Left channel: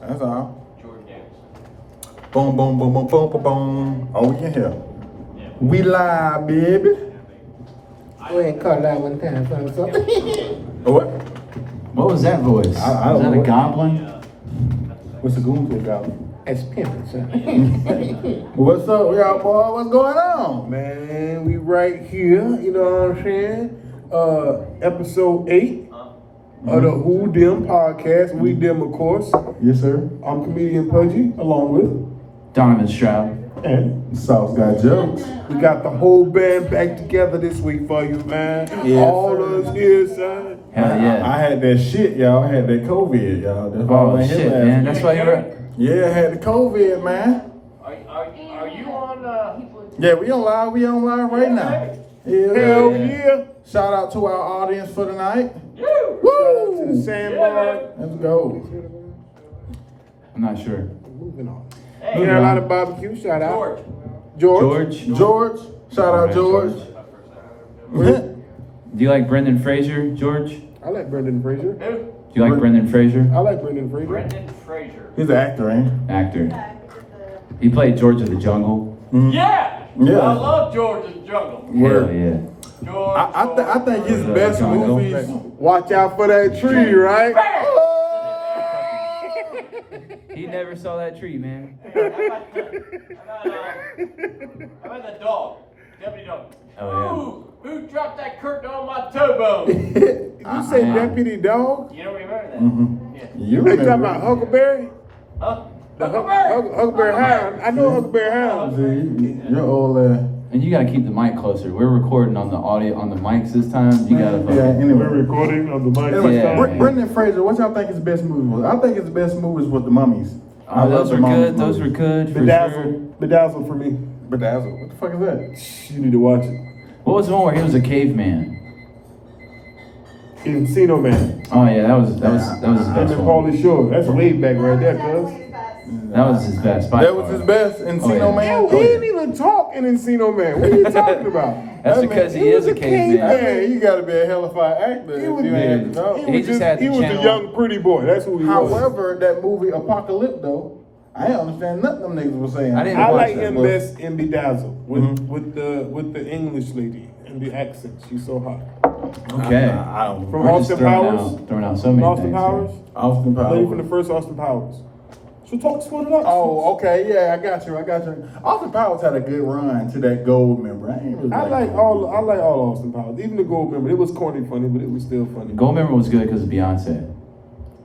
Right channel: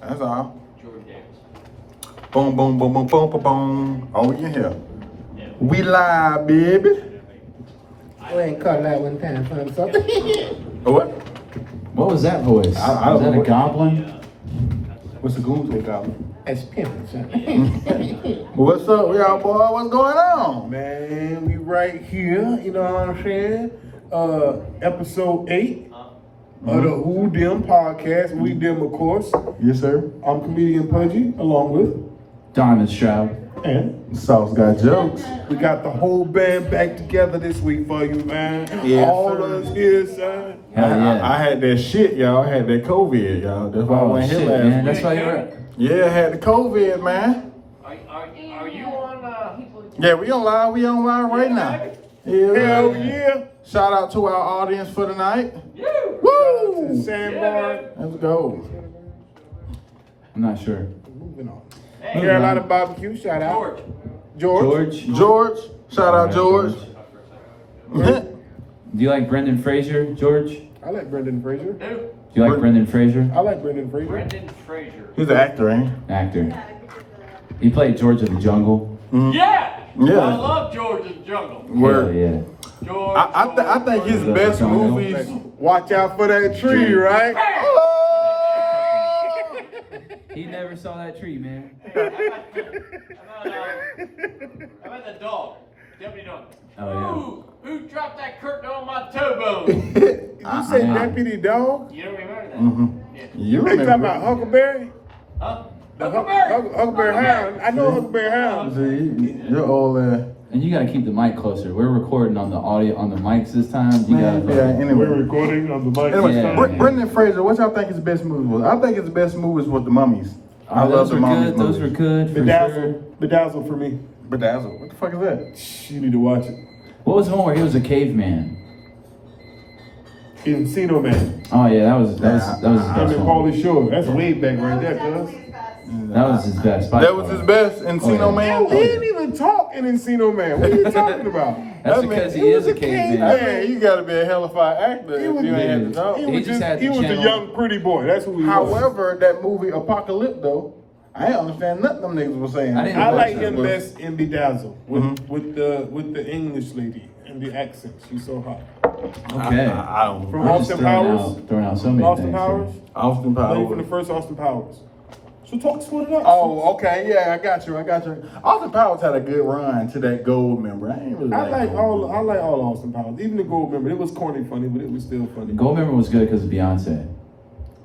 That's all. Jordan Davis. Boom, boom, boom, boom, boom, boom, boom. Oh, we in here. We live, baby. Go ahead and cut that one time for something. What? What was that voice? I was don't that know. a goblin? What's the goon say, goblin? That's pimping, son. What's up, y'all, boy? What's going on? Man, we right here, you know what I'm saying? Episode 8 of the Who Dem podcast. We Dem, of course. Yes, sir. I'm ComedianPudgee, along with, DonovanStroud. and Sauce got jokes. we got the whole band back together this week for you, man. Yes, All sir. of us here, son. Hell yeah. I had that shit, y'all. I had that COVID, y'all. That's why I Oh went shit, here last man. week. That's why you're. Yeah, I had the COVID, man. Are you on? Yeah, we on live right now. Hell yeah. Shout out to our audience for tonight. Woo! Sandbar. Let's go. I'm not sure. Moving on. Hey, Carolina Barbecue, shout out. George. George. Shout out George. Do you like Brendan Fraser, George? I like Brendan Fraser. Who? Do you like Brendan Fraser? I like Brendan Fraser. Brendan Fraser. He's an actor, ain't Actor. He played George of the Jungle. Yeah. Yeah. I love George's Jungle. Word. Hell yeah. George. I think his best movies. Watch out for that tree, right? He never saw that tree, man. How about the dog? Deputy Dog. Oh, Who dropped that curtain on my towbone? You say Deputy Dog? You don't remember that? Yeah. You You remember? talking about Huckleberry? Huh? The Huckleberry. Huckleberry Hound. I know Huckleberry Hound. See, you're old. And you gotta keep the mic closer. We're recording on the audio on the mics this time. You gotta. Anyway. recording on the mic Anyway, Yeah. Brendan Fraser, what y'all think his best movie was? I think his best movies was The Mummies. I love those The were Mummies. good. Those were good. for sure. Bedazzled for me. Bedazzled. What the fuck is that? You need to watch it. What was the one where he was a caveman? Encino Man. Oh yeah, that was his Him best and one. Pauly Shore. That's way back right there, cuz. That was his best. by That was far. his best. Encino Oh, Man. He didn't even talk in Encino Man. What are you talking about? That's That because man- he he is was a a caveman. I mean, you gotta be a hellified actor if was- you ain't had to talk. He He was just had he to was the channel- young pretty boy. That's who he was. However, that movie Apocalypto, I ain't understand nothing them niggas were saying. I didn't I watch like that, him bro. best in Bedazzled with Mhm. with the English lady and the accent. She's so hot. Okay. I don't. From I'm just Austin throwing Powers. out- throwing out so many Austin things Powers. here. Austin Lady from the Powers. first Austin Powers. So talk split it up. Oh, okay, yeah, I got you. Austin Powers had a good run to that gold member. I ain't really I like all Austin Powers. Even the Gold Member. It was corny funny, but it was still funny. Gold Member was good because of Beyonce.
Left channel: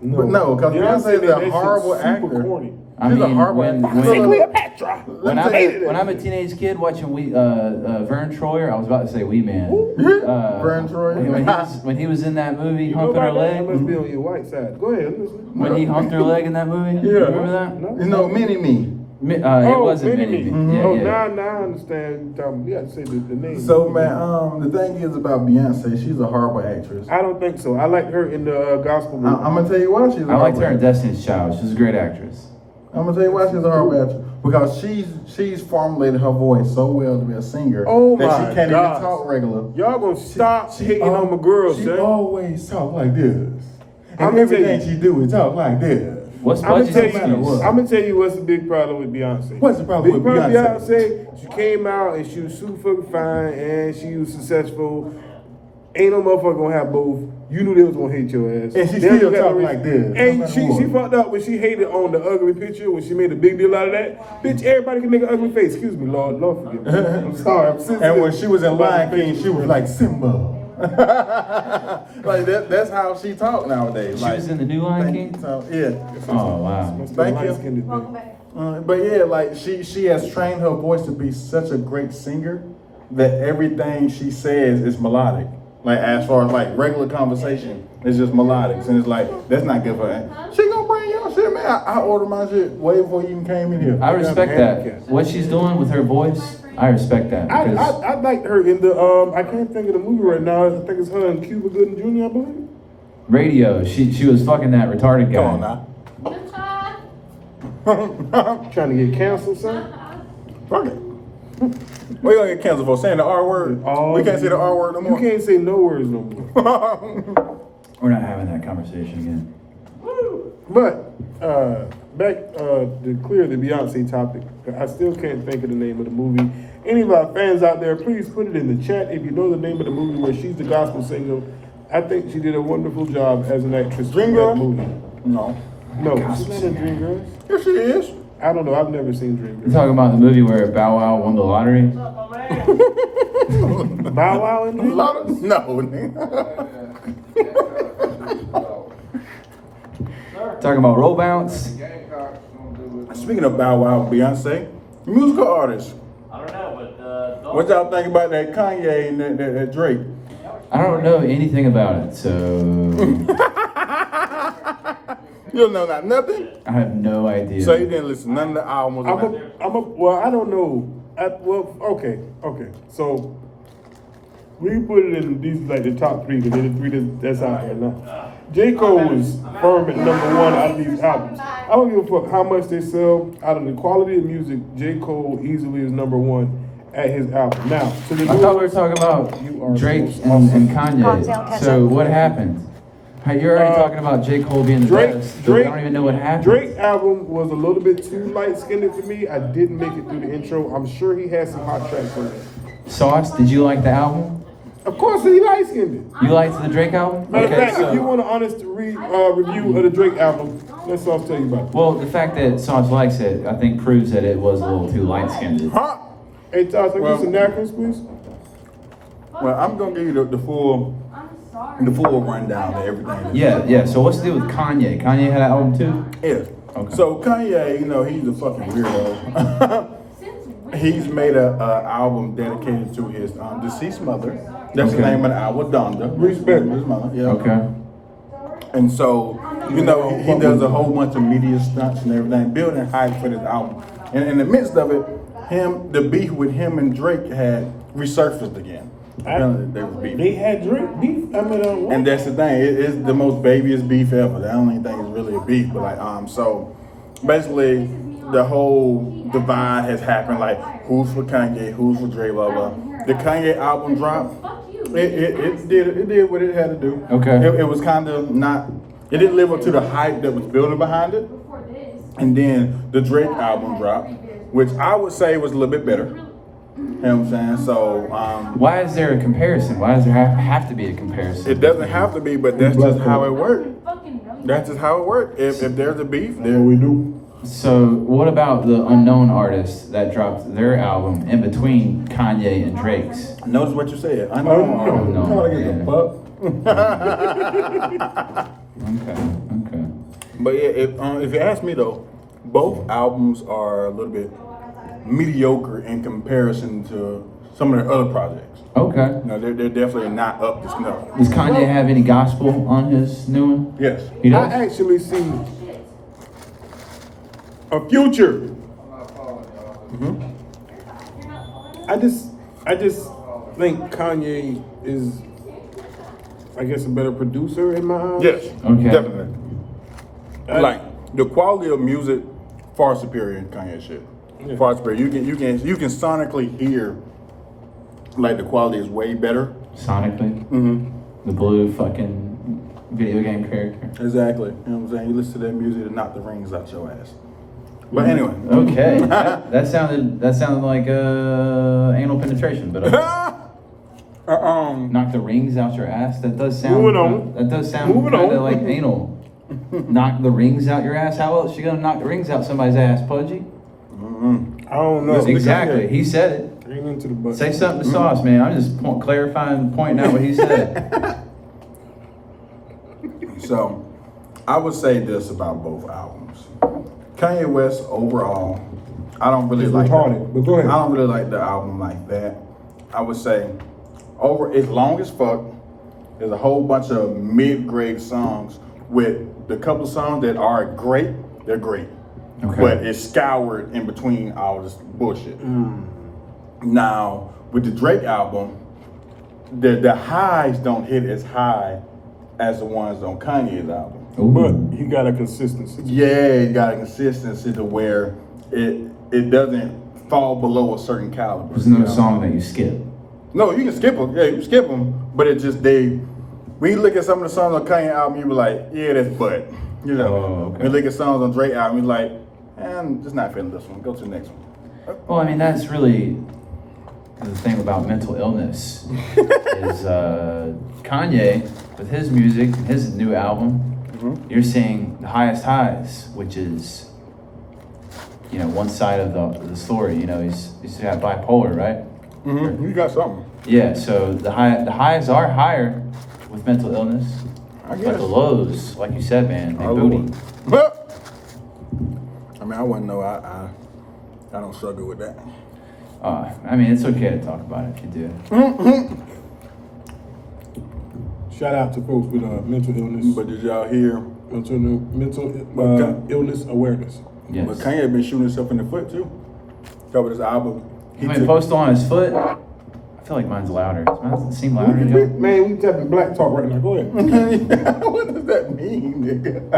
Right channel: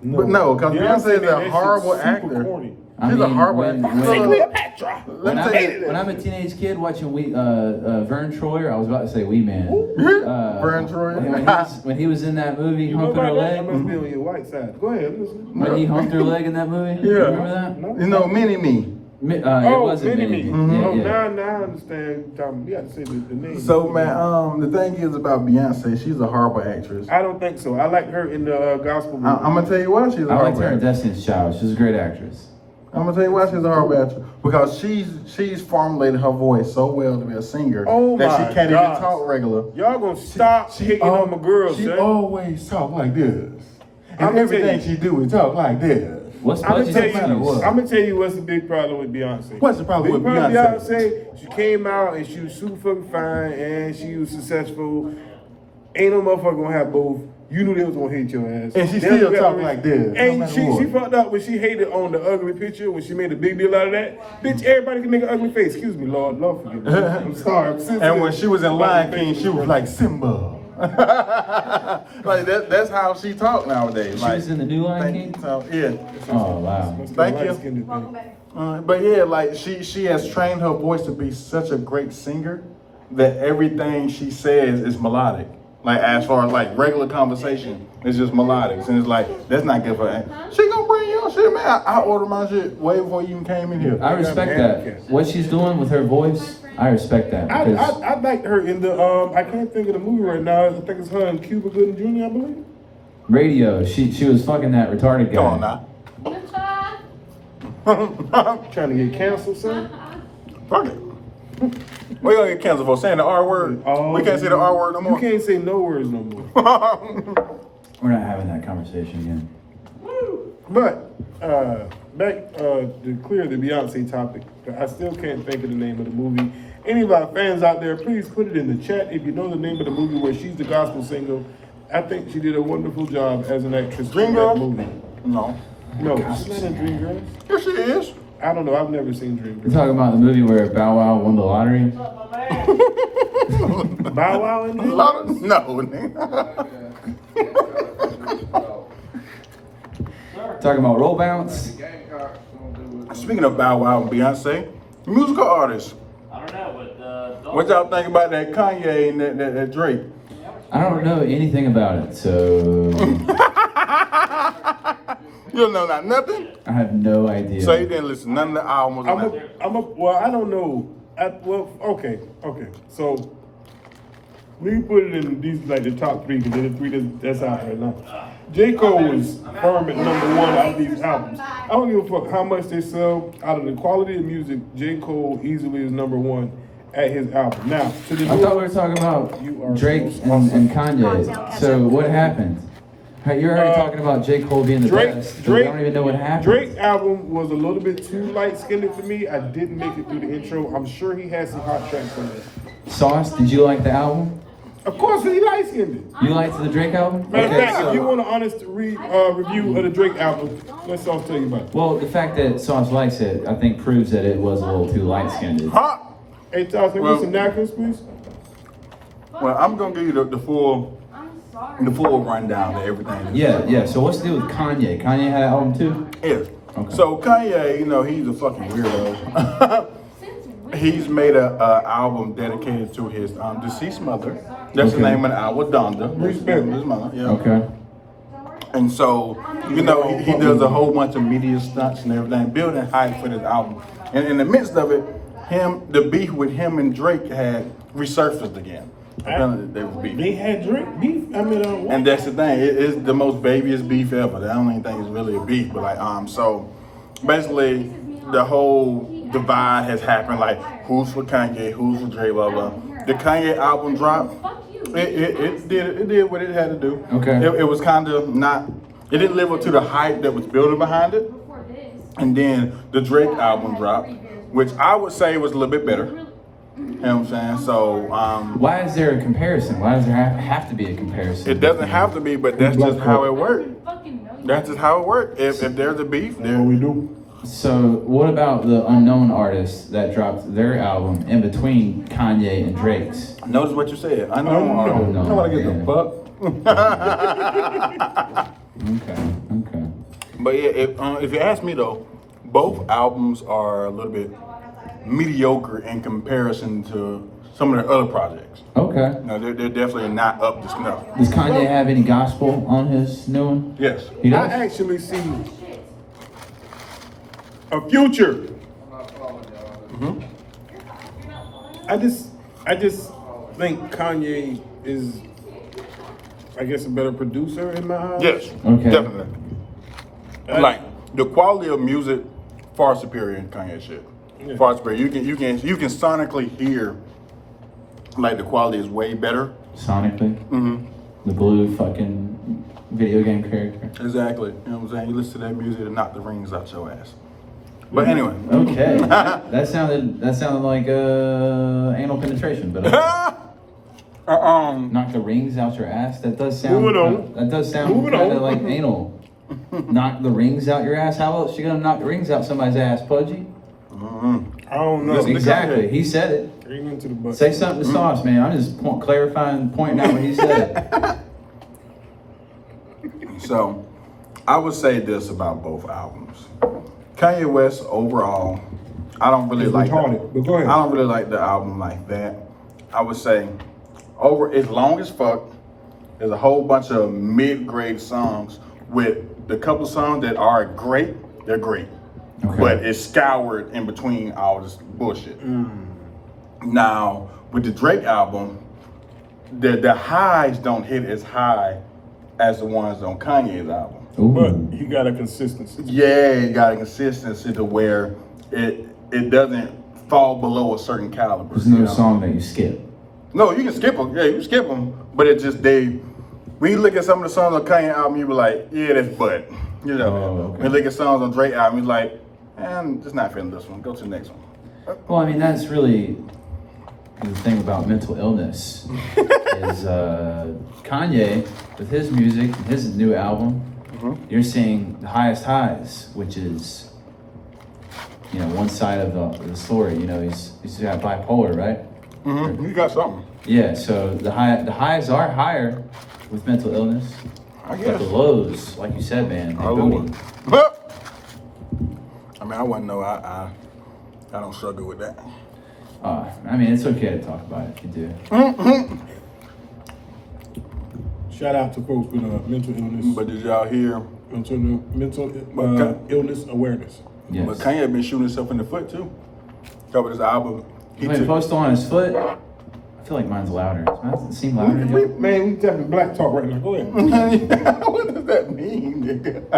But no, 'cause Beyonce made is a that shit horrible super actor. Corny. I She's a mean, horrible when- actor. when- Cleopatra. Let me When, tell you, hated I'm a teenage kid watching Vern Troyer, I was about to say Wee Man. Vern Troyer. When he was in that movie, You know humping her about that? I leg. must be on your white side. Go ahead, listen. When he humped her leg in that movie. Yeah. Remember that? No? you know, Mini Me. It Oh, wasn't Mini-Me. Mini-Me. Yeah, Oh, yeah. now I understand. You got to say the name. So man, the thing is about Beyonce, she's a horrible actress. I don't think so. I like her in the gospel movie. I'm gonna tell you why she's a I liked horrible her in actress. Destiny's Child. She's a great actress. I'm gonna tell you why she's a horrible actress. Because she's formulated her voice so well to be a singer Oh that my she can't gosh. even talk regular. Y'all gonna stop hating on my girl, She son. always talk like this. I'ma And everything tell you. she do is talk like this. What's I'm gonna Pudgee's tell matter excuse? what? I'm gonna tell you what's the big problem with Beyonce. What's the problem Big with problem Beyonce? She came out and she was super fucking fine and she was successful. Ain't no motherfucker gonna have both. You knew they was gonna hate your ass. And she They still got talk no reason. like this, no And matter she what. fucked up when she hated on the ugly picture when she made a big deal out of that. Bitch, everybody can make an ugly face. Excuse me, Lord forgive me. I'm sorry. I'm sensitive. And when she was in Lion About King, the she was like Simba. Like that's how she talk nowadays. She like, was in the new Lion King? So, yeah. Oh wow. Must be Thank a you. light-skinned thing. But yeah, like she has trained her voice to be such a great singer that everything she says is melodic. Like as far as like regular conversation, it's just melodic, and it's like that's not good for her. She gonna bring your shit, man. I ordered my shit way before you even came in here. I respect handicapped. that. What she's doing with her voice, I respect that. because- I liked her in the I can't think of the movie right now. I think it's her and Cuba Gooding Jr. I believe. Radio, she was fucking that retarded guy. Come on now. Trying to get canceled, son. Fuck it. We gonna get canceled for saying the R word. We can't say the R word no more. You can't say no words no more. We're not having that conversation again. Woo! But back to clear the Beyonce topic. I still can't think of the name of the movie. Any of our fans out there, please put it in the chat if you know the name of the movie where she's the gospel singer. I think she did a wonderful job as an actress in that Dreamgirls? movie. No. No, she's not in Dreamgirls. Yes, she is. I don't know. I've never seen You're Dreamgirls. talking about the movie where Bow Wow won the lottery? What's up, my man? Bow Wow in Dreamgirls? No, nigga. Talking about roll bounce? Speaking of Bow Wow and Beyonce, musical artists. I don't know, but What y'all think about that Kanye and that Drake? I don't know anything about it, so You don't know nothing? I have no idea. So you didn't listen to none of the albums? Well, I don't know. Okay. So we put it in these like the top three because they're the three that's out right now. J. Cole was firm at number one out of these albums. I don't give a fuck how much they sell. Out of the quality of music, J. Cole easily is number one at his album. Now, to the I thought we were talking about You are Drake the most and Kanye. So what happened? Hey, you're already talking about J. Cole being the best. I don't even know what happened. Drake's album was a little bit too light-skinned for me. I didn't make it through the intro. I'm sure he has some hot tracks on there. Sauce, did you like the album? Of course, he light-skinned. You liked the Drake album? Matter of Okay, fact, so- if you want an honest review of the Drake album, let Sauce tell you about it. Well, the fact that Sauce likes it, I think, proves that it was a little too light-skinned. Huh? Hey, Sauce, can you Well- get some napkins, please? Well, I'm gonna give you the full rundown of everything. Yeah. So what's the deal with Kanye? Kanye had an album too? Yes. Okay. So Kanye, he's a fucking weirdo. He's made a album dedicated to his deceased mother. That's the Okay. name of the album, Donda. Respect. His mother. Yeah. Okay. And so, he does a whole bunch of media stunts and everything, building hype for this album. And in the midst of it, the beef with him and Drake had resurfaced again. Apparently they was beefing. They had Drake beef. I mean, what? And that's the thing. It's the most babyest beef ever. I don't even think it's really a beef, but so basically the whole divide has happened. Like, who's for Kanye, who's for Drake, blah blah. The Kanye album dropped. It did what it had to do. Okay. It was kind of not. It didn't live up to the hype that was building behind it. And then the Drake album dropped, which I would say was a little bit better. You know what I'm saying? So, Why is there a comparison? Why does there have to be a comparison? it doesn't have to be, but that's just how it works. That's just how it works. If there's a beef, That's what we do. So what about the unknown artists that dropped their album in between Kanye and Drake's? notice what you said. I know. Unknown. I want to get the fuck. Okay. But yeah, if you ask me though, both albums are a little bit mediocre in comparison to some of their other projects. Okay. No, they're definitely not up to snuff. Does Kanye have any gospel on his new one? Yes. He I does? actually see a future. I just think Kanye is, I guess, a better producer in my eyes. Yes. Okay. Definitely. Like the quality of music far superior in Kanye shit. Yeah. Far superior. You can sonically hear like the quality is way better. Sonically? Mm-hmm. The blue fucking video game character? Exactly. You know what I'm saying? You listen to that music to knock the rings out your ass. But anyway. Okay. that sounded like anal penetration, but knock the rings out your ass. That does sound. Moving on. That does sound Moving kind of on. like anal. Knock the rings out your ass. How else you gonna knock the rings out somebody's ass, Pudgee? I don't know. Listen to Exactly. Kanye. He said it. Straight into the butt. Say something to Sauce, man. I'm just clarifying, pointing out what he said. So, I would say this about both albums. Kanye West overall, I don't really It's like. retarded, but go ahead. I don't really like the album like that. I would say, it's long as fuck. There's a whole bunch of mid-grade songs with the couple songs that are great. They're great, Okay. but it's scoured in between all this bullshit. Now with the Drake album, the highs don't hit as high as the ones on Kanye's album. Ooh. But he got a consistency. Yeah, you got a consistency to where it doesn't fall below a certain caliber. There's no you know? song that you skip. No, you can skip them. Yeah, you can skip them, but it just when you look at some of the songs on Kanye album, you be like, yeah, that's butt. You know, Oh, okay. when you look at songs on Drake album, he's like, I'm just not feeling this one. Go to the next one. Well, I mean, that's really the thing about mental illness is Kanye, with his music, his new album, you're seeing the highest highs, which is, you know, one side of the story. You know, he's got bipolar, right? Mm-hmm. You got something. Yeah, so the highs are higher with mental illness. I But guess. the lows, like you said, man, Are booty. lower. I mean, I wouldn't know. I don't struggle with that. I mean, it's okay to talk about it if you do. Shout out to folks with mental illness, But did y'all hear? mental illness awareness. Yes. But Kanye been shooting himself in the foot too. Covered his album. He been posted on his foot. I feel like mine's louder. Mine doesn't seem louder. Man, we tapping black talk right now. Go ahead. What does that mean, nigga?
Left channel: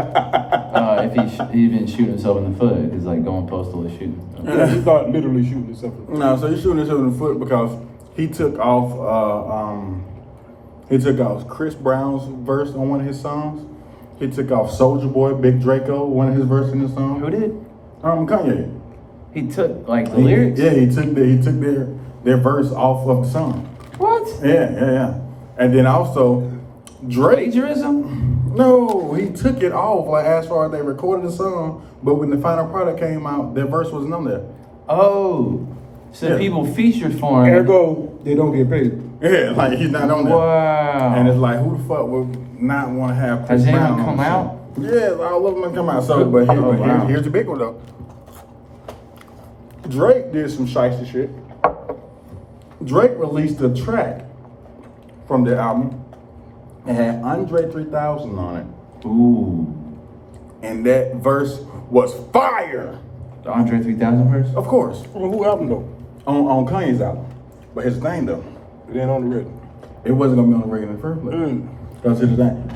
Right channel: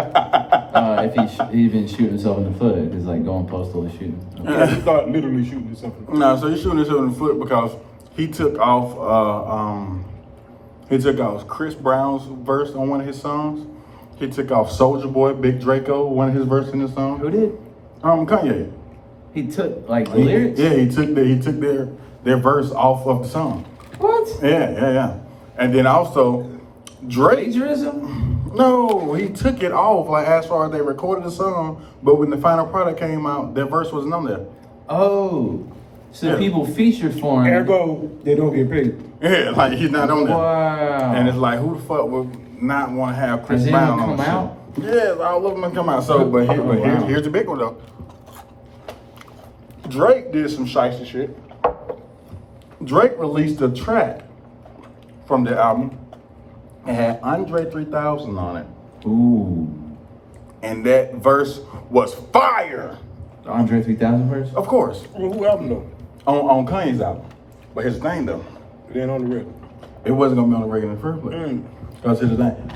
If he been shooting himself in the foot, it's like going postal to shoot. Yeah, he started literally shooting himself. No, so he's shooting himself in the foot because he took off Chris Brown's verse on one of his songs. He took off Soulja Boy, Big Draco, one of his verses in the song. Who did? Kanye. He took like the lyrics. Yeah, he took their verse off of the song. What? Yeah. And then also Drake. Plagiarism? No, he took it off like as far as they recorded the song, but when the final product came out, their verse wasn't on there. Oh, so Yeah. people featured for him. Ergo, they don't get paid. Yeah, like he's not on there. Wow. And it's like, who the fuck would not want to have Chris Has Brown anyone on come the out? show? Yeah, all of them come out. So, but Wow. here's the big one though. Drake did some shiesty shit. Drake released a track from the album. It had Andre 3000 on it. Ooh. And that verse was fire. The Andre 3000 verse? Of course. Well, who album though? On Kanye's album. But his thing though, It ain't on the record. it wasn't gonna be on the record in the first place. Because here's the thing.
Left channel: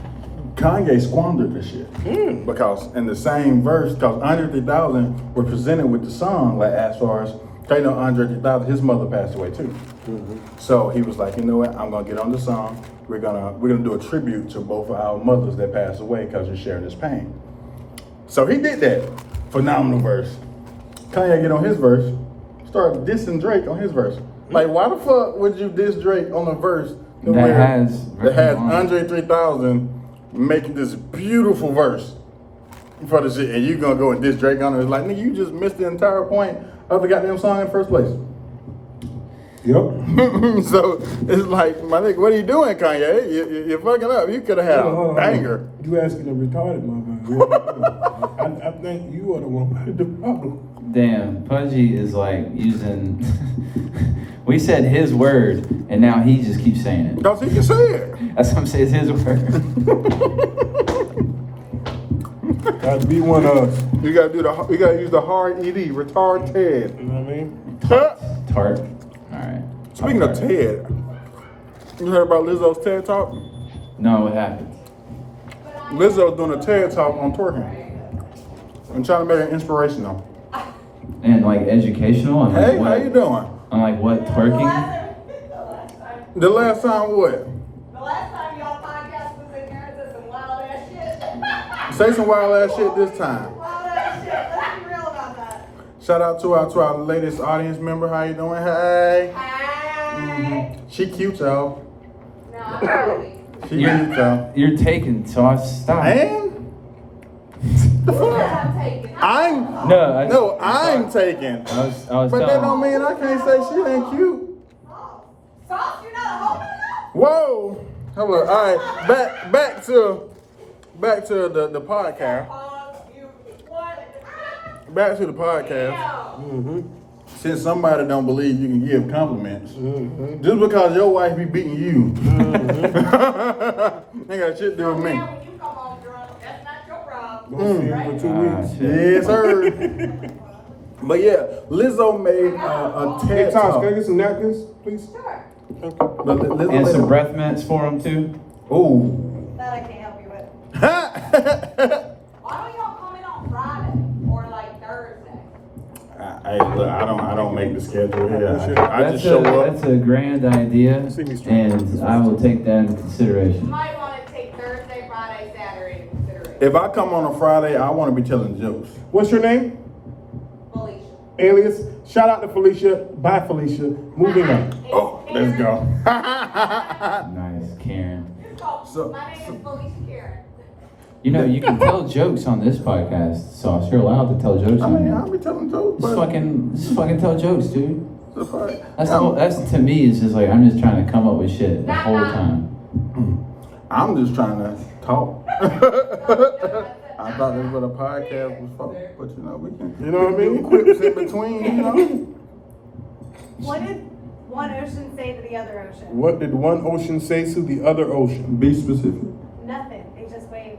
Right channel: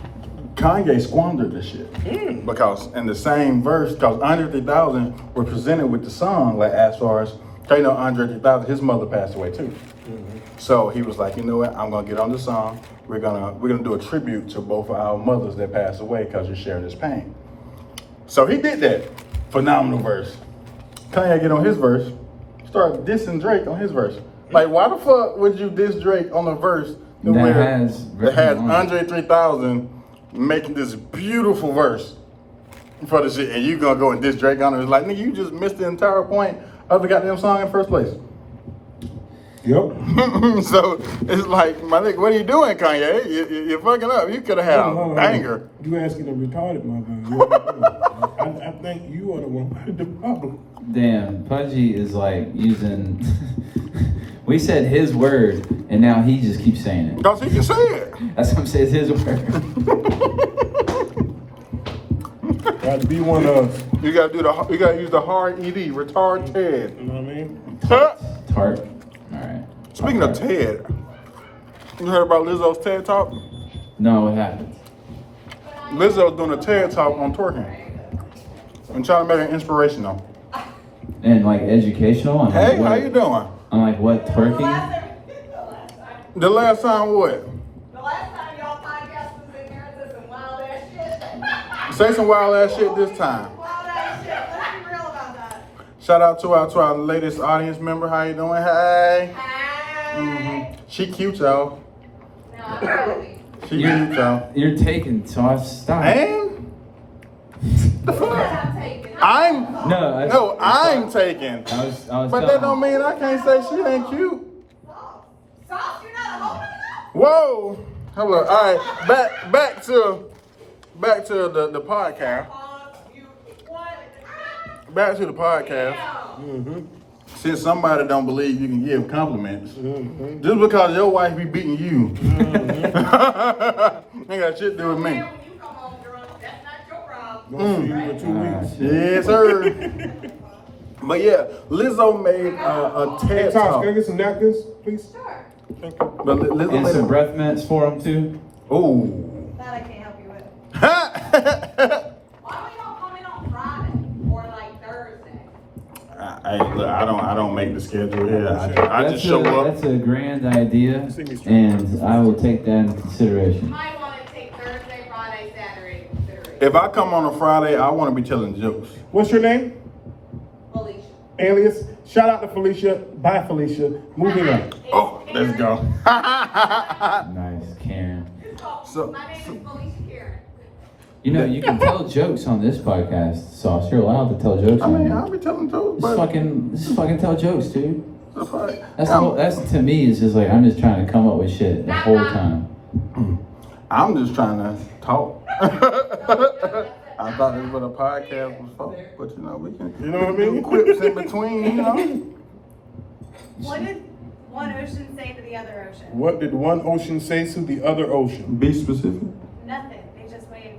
Kanye squandered this shit. Because in the same verse, because Andre 3000 were presented with the song, like as far as, you know, Andre 3000, his mother passed away too. So he was like, you know what, I'm gonna get on the song. We're gonna do a tribute to both of our mothers that passed away because you're sharing this pain. So he did that. Phenomenal verse. Kanye get on his verse, start dissing Drake on his verse. Like, why the fuck would you diss Drake on a verse that has Andre 3000 making this beautiful verse for the shit, and you gonna go and diss Drake on it? It's like, nigga, you just missed the entire point of the goddamn song in the first place. Yep. So it's like, my nigga, what are you doing, Kanye? You're fucking up. You could have had a banger. You asking a retarded motherfucker. I think you are the one with the problem. Damn, Pudgee is like using. We said his word, and now he just keeps saying it. Because he can say it. That's what I'm saying, it's his word. Got to be one of us. You gotta use the hard ED, retard Ted. You know what I mean? Tart. Alright. Speaking of Ted, you heard about Lizzo's TED Talk? No, what happened? Lizzo's doing a TED Talk on twerking. I'm trying to make it inspirational. And like educational? On Hey, what, how you doing? On like what, twerking? The last time what? The last time y'all podcast was in here, did some wild ass shit. Say some wild ass shit this time. Wild ass shit. Let's be real about that. Shout out to our latest audience member. How you doing? Hey. Hey. She cute, y'all. No, really. She cute, y'all. You're taking, so I stop. And the fuck? I'm taking. I'm taking. I was But that don't mean I can't say she ain't cute. Sauce, you're not a homie now? Whoa. Hold on. All right. Back to the podcast. You what? Back to the podcast. Since somebody don't believe you can give compliments, just because your wife be beating you, ain't got shit to do with me. When you come home drunk, that's not your problem. Don't see him for 2 weeks. Yes, sir. But yeah, Lizzo made a Hey, TED Tosh, Talk. can I get some napkins, please? Sure. Thank you. But Lizzo And made some breath mints for him too. Ooh. That I can't help you with. Hey, Why don't y'all come in on Friday or like Thursday? look, I don't make the schedule here. I just That's show up. That's a grand idea, See me straight. and I will take that into You consideration. might want to take Thursday, Friday, Saturday into consideration. If I come on a Friday, I want to be telling jokes. What's your name? Felicia. Alias. Shout out to Felicia. Bye, Felicia. Moving on. Oh, let's go. Nice, Karen. So- My name is Felicia Karen. You know, you can tell jokes on this podcast, Sauce. You're allowed to tell jokes I on mean, here. I'll be telling jokes, Just but fucking tell jokes, dude. That's I'm, that's to me is just like I'm just trying to come up with shit the whole time. I'm just trying to talk. I thought this was what a podcast was for, but you know, we can. You know what I mean? Quips in between, you know. What did one ocean say to the other ocean? What did one ocean say to the other ocean? Be specific. Nothing. They just waved.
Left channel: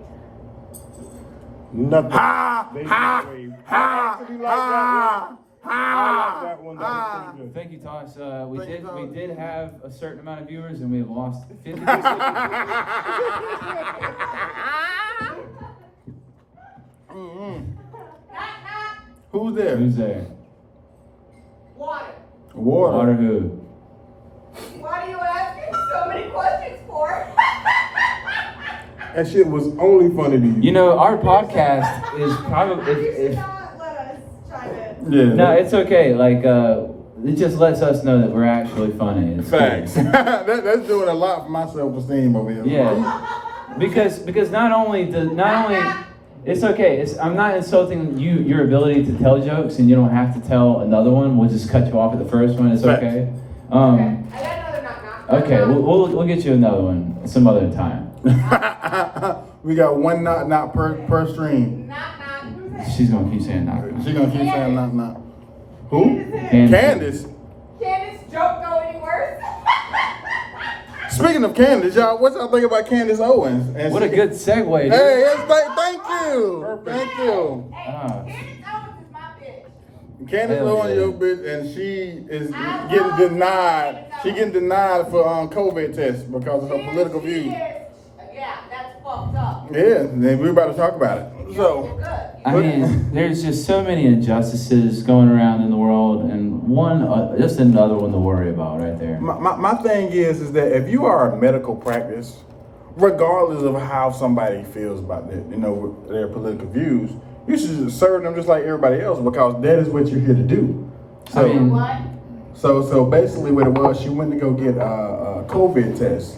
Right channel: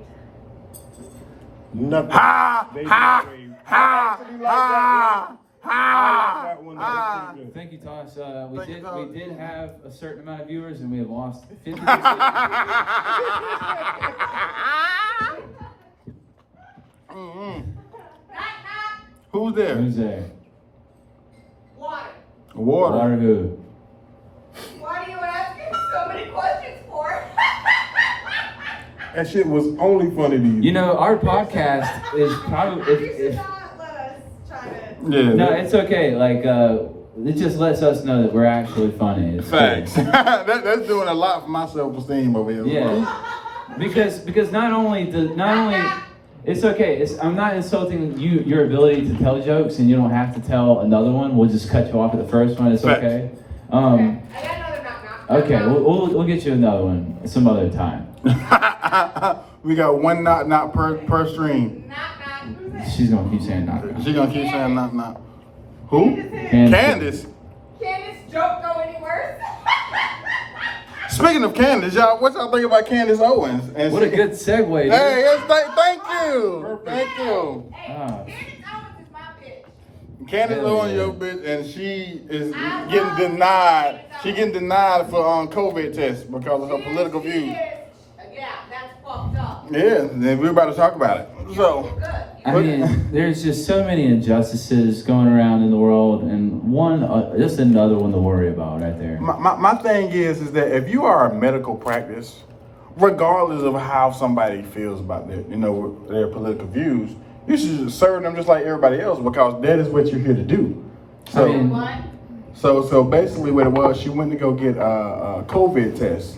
Nothing. Ha! They Ha! just waved. Ha! I actually like that one. I like that one. That was Ha! pretty good. Thank you, Tosh. Thank you, Tosh. We did have a certain amount of viewers, and we have lost 50%. Knock, knock. Who's there? Who's there? Water. Water. Water who? Why do you asking so many questions for? That shit was only funny to you. You know, our podcast is probably. You should If, not let us chime in. Yeah. no, it's okay. Like, it just lets us know that we're actually funny. It's Facts. cool. That's doing a lot for my self-esteem over here. Yeah. Because not only it's okay. I'm not insulting your ability to tell jokes, and you don't have to tell another one. We'll just cut you off at the first one. It's Facts. okay. I got another knock, knock. Okay. We'll get you another one some other time. We got one knock per stream. Knock, knock. Who's that? She's gonna keep saying knock. She gonna keep saying knock. Who? And- Candace. Can this joke go any worse? Speaking of Candace, y'all, what y'all think about Candace Owens? And What a she- good segue. Dude. Hey, yes, thank you. Thank you. Hey, Ah. Candace Owens is my bitch. Candace Hell Owens, yeah. your bitch, and she is getting denied. She getting denied for COVID test because of her political views. Yeah, that's fucked up. Yeah, then we're about to talk about it. So, Good. I mean, there's just so many injustices going around in the world, and one, just another one to worry about right there. my thing is that if you are a medical practice, regardless of how somebody feels about their political views, you should serve them just like everybody else because that is what you're here to do. So, I mean, What? so basically what it was, she went to go get a COVID test,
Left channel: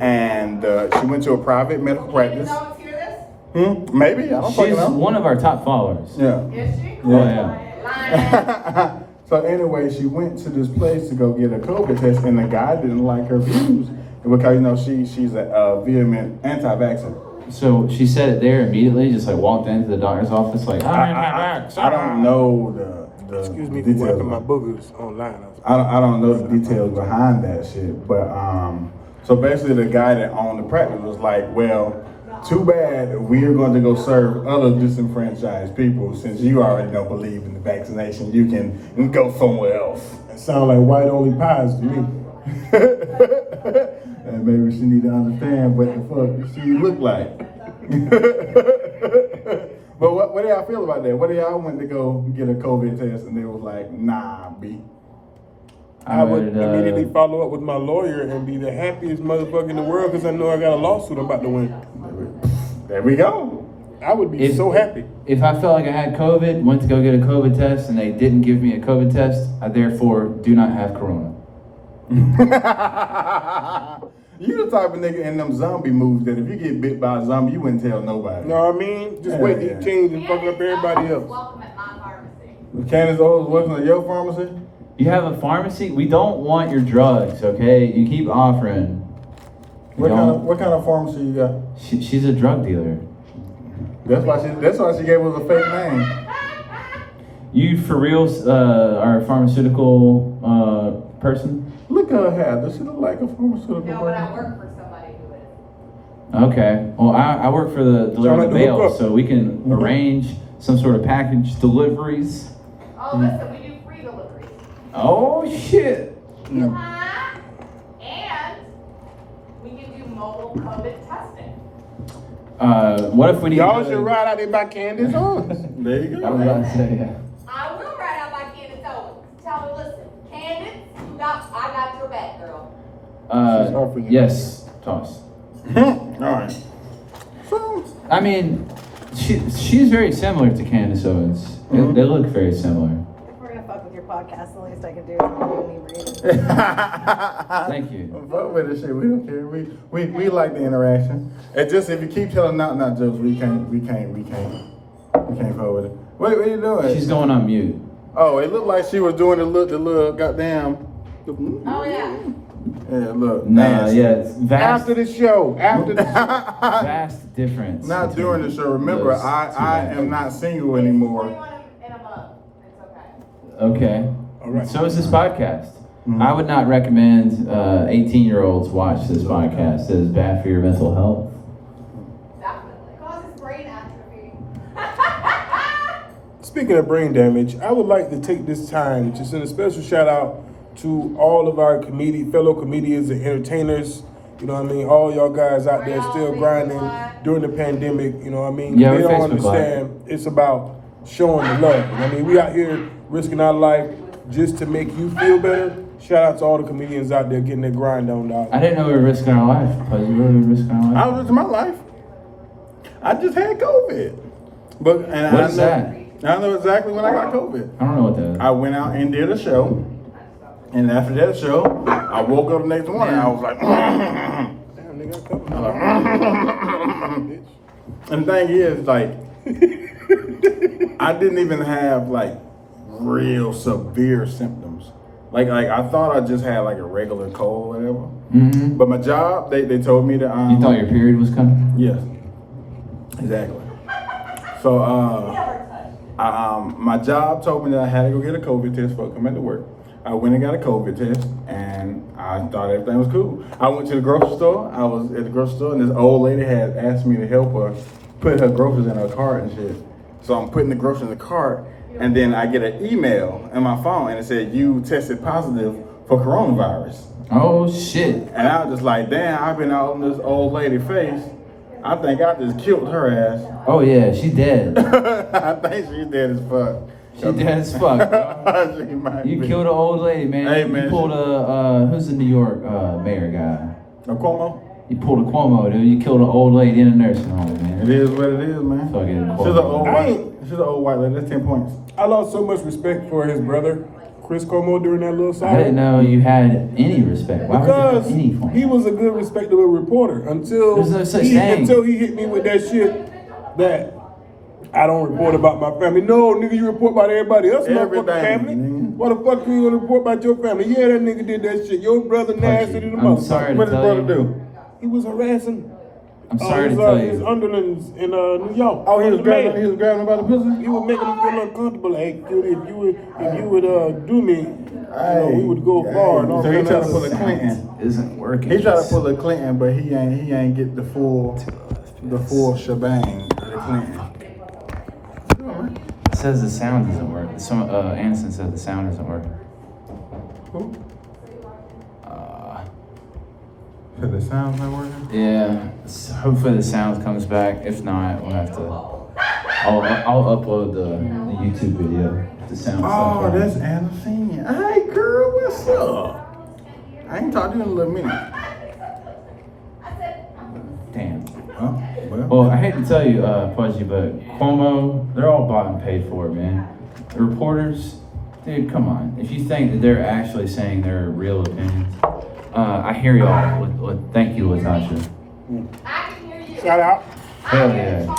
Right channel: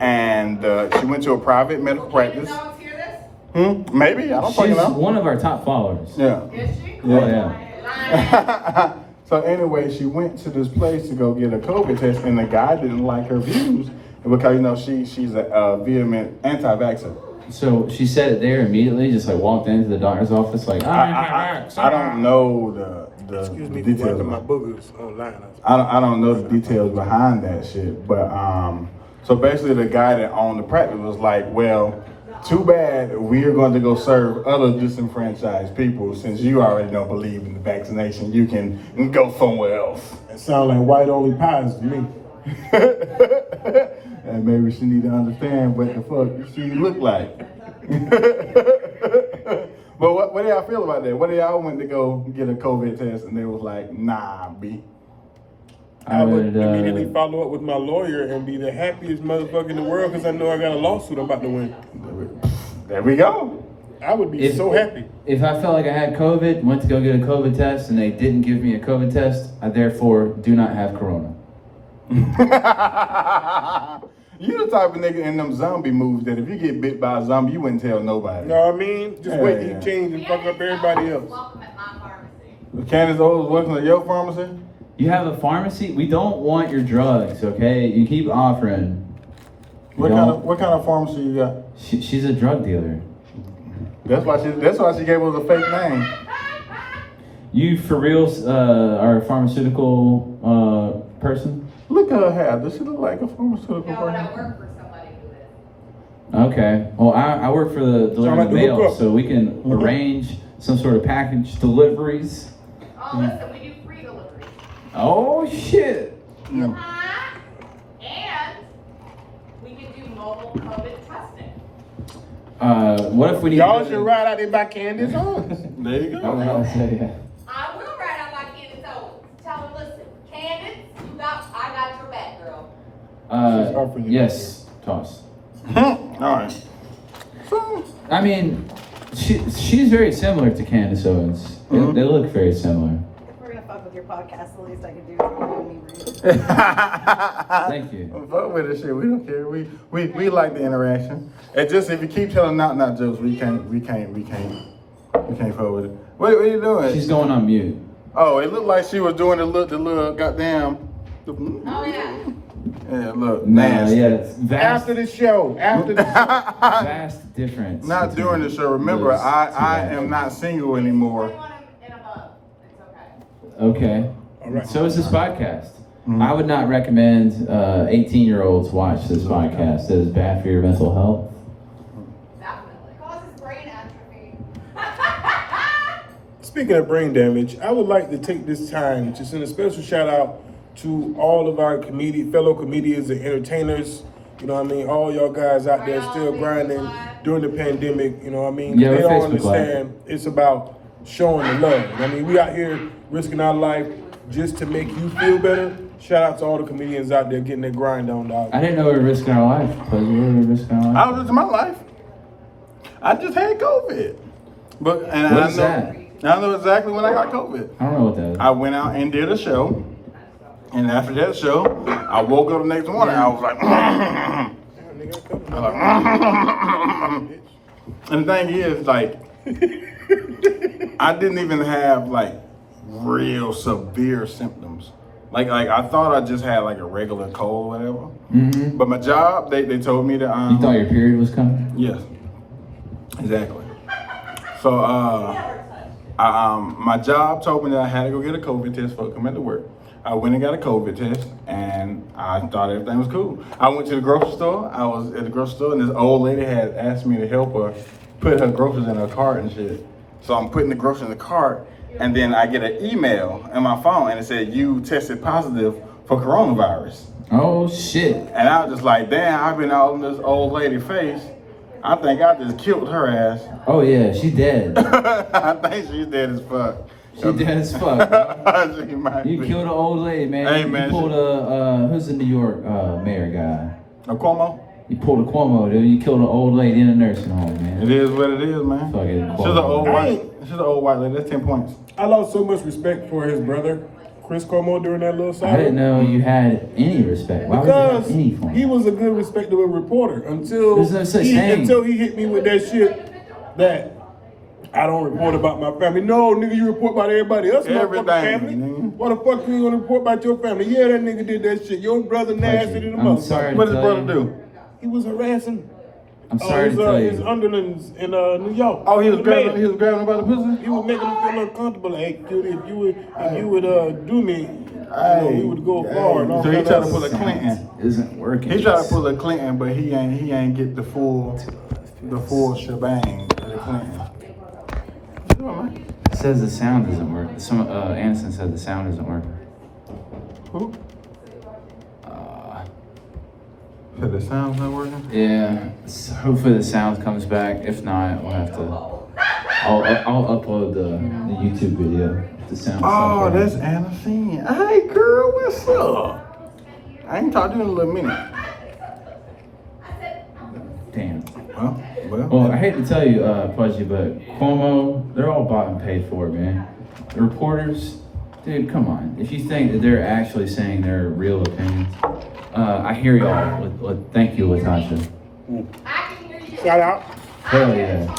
and she went to a private medical practice. Candace Owens hear this? Maybe, I don't fucking she's know. one of our top followers. Yeah. Is she? Yeah. So anyway, she went to this place to go get a COVID test, and the guy didn't like her views because she's a vehement anti-vaxxer. So she said it there immediately, just like walked into the doctor's office, like, I don't know the Excuse me for details. wiping my boogers online. I don't know the details behind that shit, but so basically the guy that owned the practice was like, well, too bad we're going to go serve other disenfranchised people since you already don't believe in the vaccination. You can go somewhere else. It sound like white only pies to me. And maybe she need to understand what the fuck she look like. But what do y'all feel about that? What do y'all went to go get a COVID test and they was like, nah, B. I would immediately follow up with my lawyer and be the happiest motherfucker in the world because I know I got a lawsuit I'm about to win. There we go. I would be so happy. If I felt like I had COVID, went to go get a COVID test, and they didn't give me a COVID test, I therefore do not have corona. You the type of nigga in them zombie movies that if you get bit by a zombie, you wouldn't tell nobody. You know what I mean? Just wait till Yeah. he change and fuck up everybody else. Welcome at my pharmacy. Candace Owens working at your pharmacy? You have a pharmacy? We don't want your drugs, okay? You keep offering. What kind of pharmacy you got? She's a drug dealer. That's why she gave us a fake name. You for real are a pharmaceutical person? Look at her hair. Does she look like a pharmaceutical No, and I person? work for somebody who is. Okay. Well, I work for the delivery like of the mail, hookup. so we can arrange some sort of package deliveries. Oh, listen, we do free delivery. Oh shit! Yeah. And we can do mobile COVID testing. What if we need? Y'all should ride out there by Candace Owens. There you I was go. about to say that. I will write out my Candace Owens. Tell her, listen, Candace, I got your back, girl. offering you- Yes, Toss. All right. So, I mean, She's very similar to Candace Owens. They look very similar. If we're gonna fuck with your podcast, the least I can do is give me read. Thank you. Fuck with this shit. We don't care. We like the interaction. It's just if you keep telling not jokes, we can't fuck with it. What are you doing? She's going on mute. Oh, it looked like she was doing the little goddamn. Oh, yeah. Yeah, look. Nah, nasty. yeah, it's vast, After the show. vast difference. Not between during the show. Remember, those I two. am not single anymore. 21 and above. It's okay. Okay. All right. So is this podcast. I would not recommend 18-year-olds watch this podcast. It is bad for your mental health. Definitely. Causes brain atrophy. Speaking of brain damage, I would like to take this time to send a special shout out to all of our fellow comedians and entertainers. You know what I mean? All y'all guys out there still grinding during the pandemic. You know what I mean? Yeah, They we're don't Facebook Live. understand it's about showing the love. I mean, we out here risking our life just to make you feel better. Shout out to all the comedians out there getting their grind on, dog. I didn't know we were risking our lives. But we were risking our I lives. was just my life. I just had COVID, but and What is that? I know exactly when I got COVID. I don't know what that is. I went out and did a show, and after that show, I woke up the next morning. I was like, Damn, nigga, and the thing is, like, I didn't even have like real severe symptoms. Like I thought I just had like a regular cold or whatever. Mm-hmm. But my job, they told me that You thought your period was coming? yes, exactly. So my job told me that I had to go get a COVID test before I come into work. I went and got a COVID test, and I thought everything was cool. I went to the grocery store. I was at the grocery store, and this old lady had asked me to help her put her groceries in her cart and shit. So I'm putting the groceries in the cart, and then I get an email on my phone, and it said, you tested positive for coronavirus. Oh shit. And I was just like, damn, I've been out on this old lady's face. I think I just killed her ass. Oh yeah, she dead. I think she's dead as fuck. She dead as fuck. She might You be. killed an old lady, man. Hey, You man, pulled who's the New York mayor guy? A Cuomo? You pulled a Cuomo, dude. You killed an old lady in a nursing home, man. It is what it is, man. Fucking She's an old I white. ain't- She's an old white lady. That's 10 points. I lost so much respect for his brother, Chris Cuomo, during that little I song. didn't know you had any respect. Why would you Because have any for him? he was a good, respectable reporter until There's no such thing. until he hit me with that shit that I don't report about my family. No, nigga, you report about everybody else, motherfucking Everything, family. nigga. What the fuck you gonna report about your family? Yeah, that nigga did that shit. Your brother nasty than the I'm sorry. motherfucker. What did his brother do? He was harassing I'm sorry to tell his you. underlings in New York. Oh, he was The mayor. grabbing him by the pussy? He was making him feel uncomfortable. Like, hey, dude, if you would do me, we would go far. And all So he kind tried of to pull a stuff. Clinton. Isn't working. He tried to pull a Clinton, but he ain't get the full shebang of the Clinton. What you doing, man? It says the sound doesn't work. Anderson said the sound isn't working. Who? So the sound's not working? Yeah. Hopefully the sound comes back. If not, we'll have to. I'll upload the YouTube video. The sound. Oh, stuff. that's Anna Scene. Hey, girl, what's up? I ain't talked to you in a little minute. Damn. Well. Well, I hate to tell you, Pudgee, but Cuomo, they're all bought and paid for it, man. The reporters, dude, come on. If you think that they're actually saying their real opinions, I hear y'all. Thank you, Lasagna. I can hear you. Shout out. Hell yeah. Does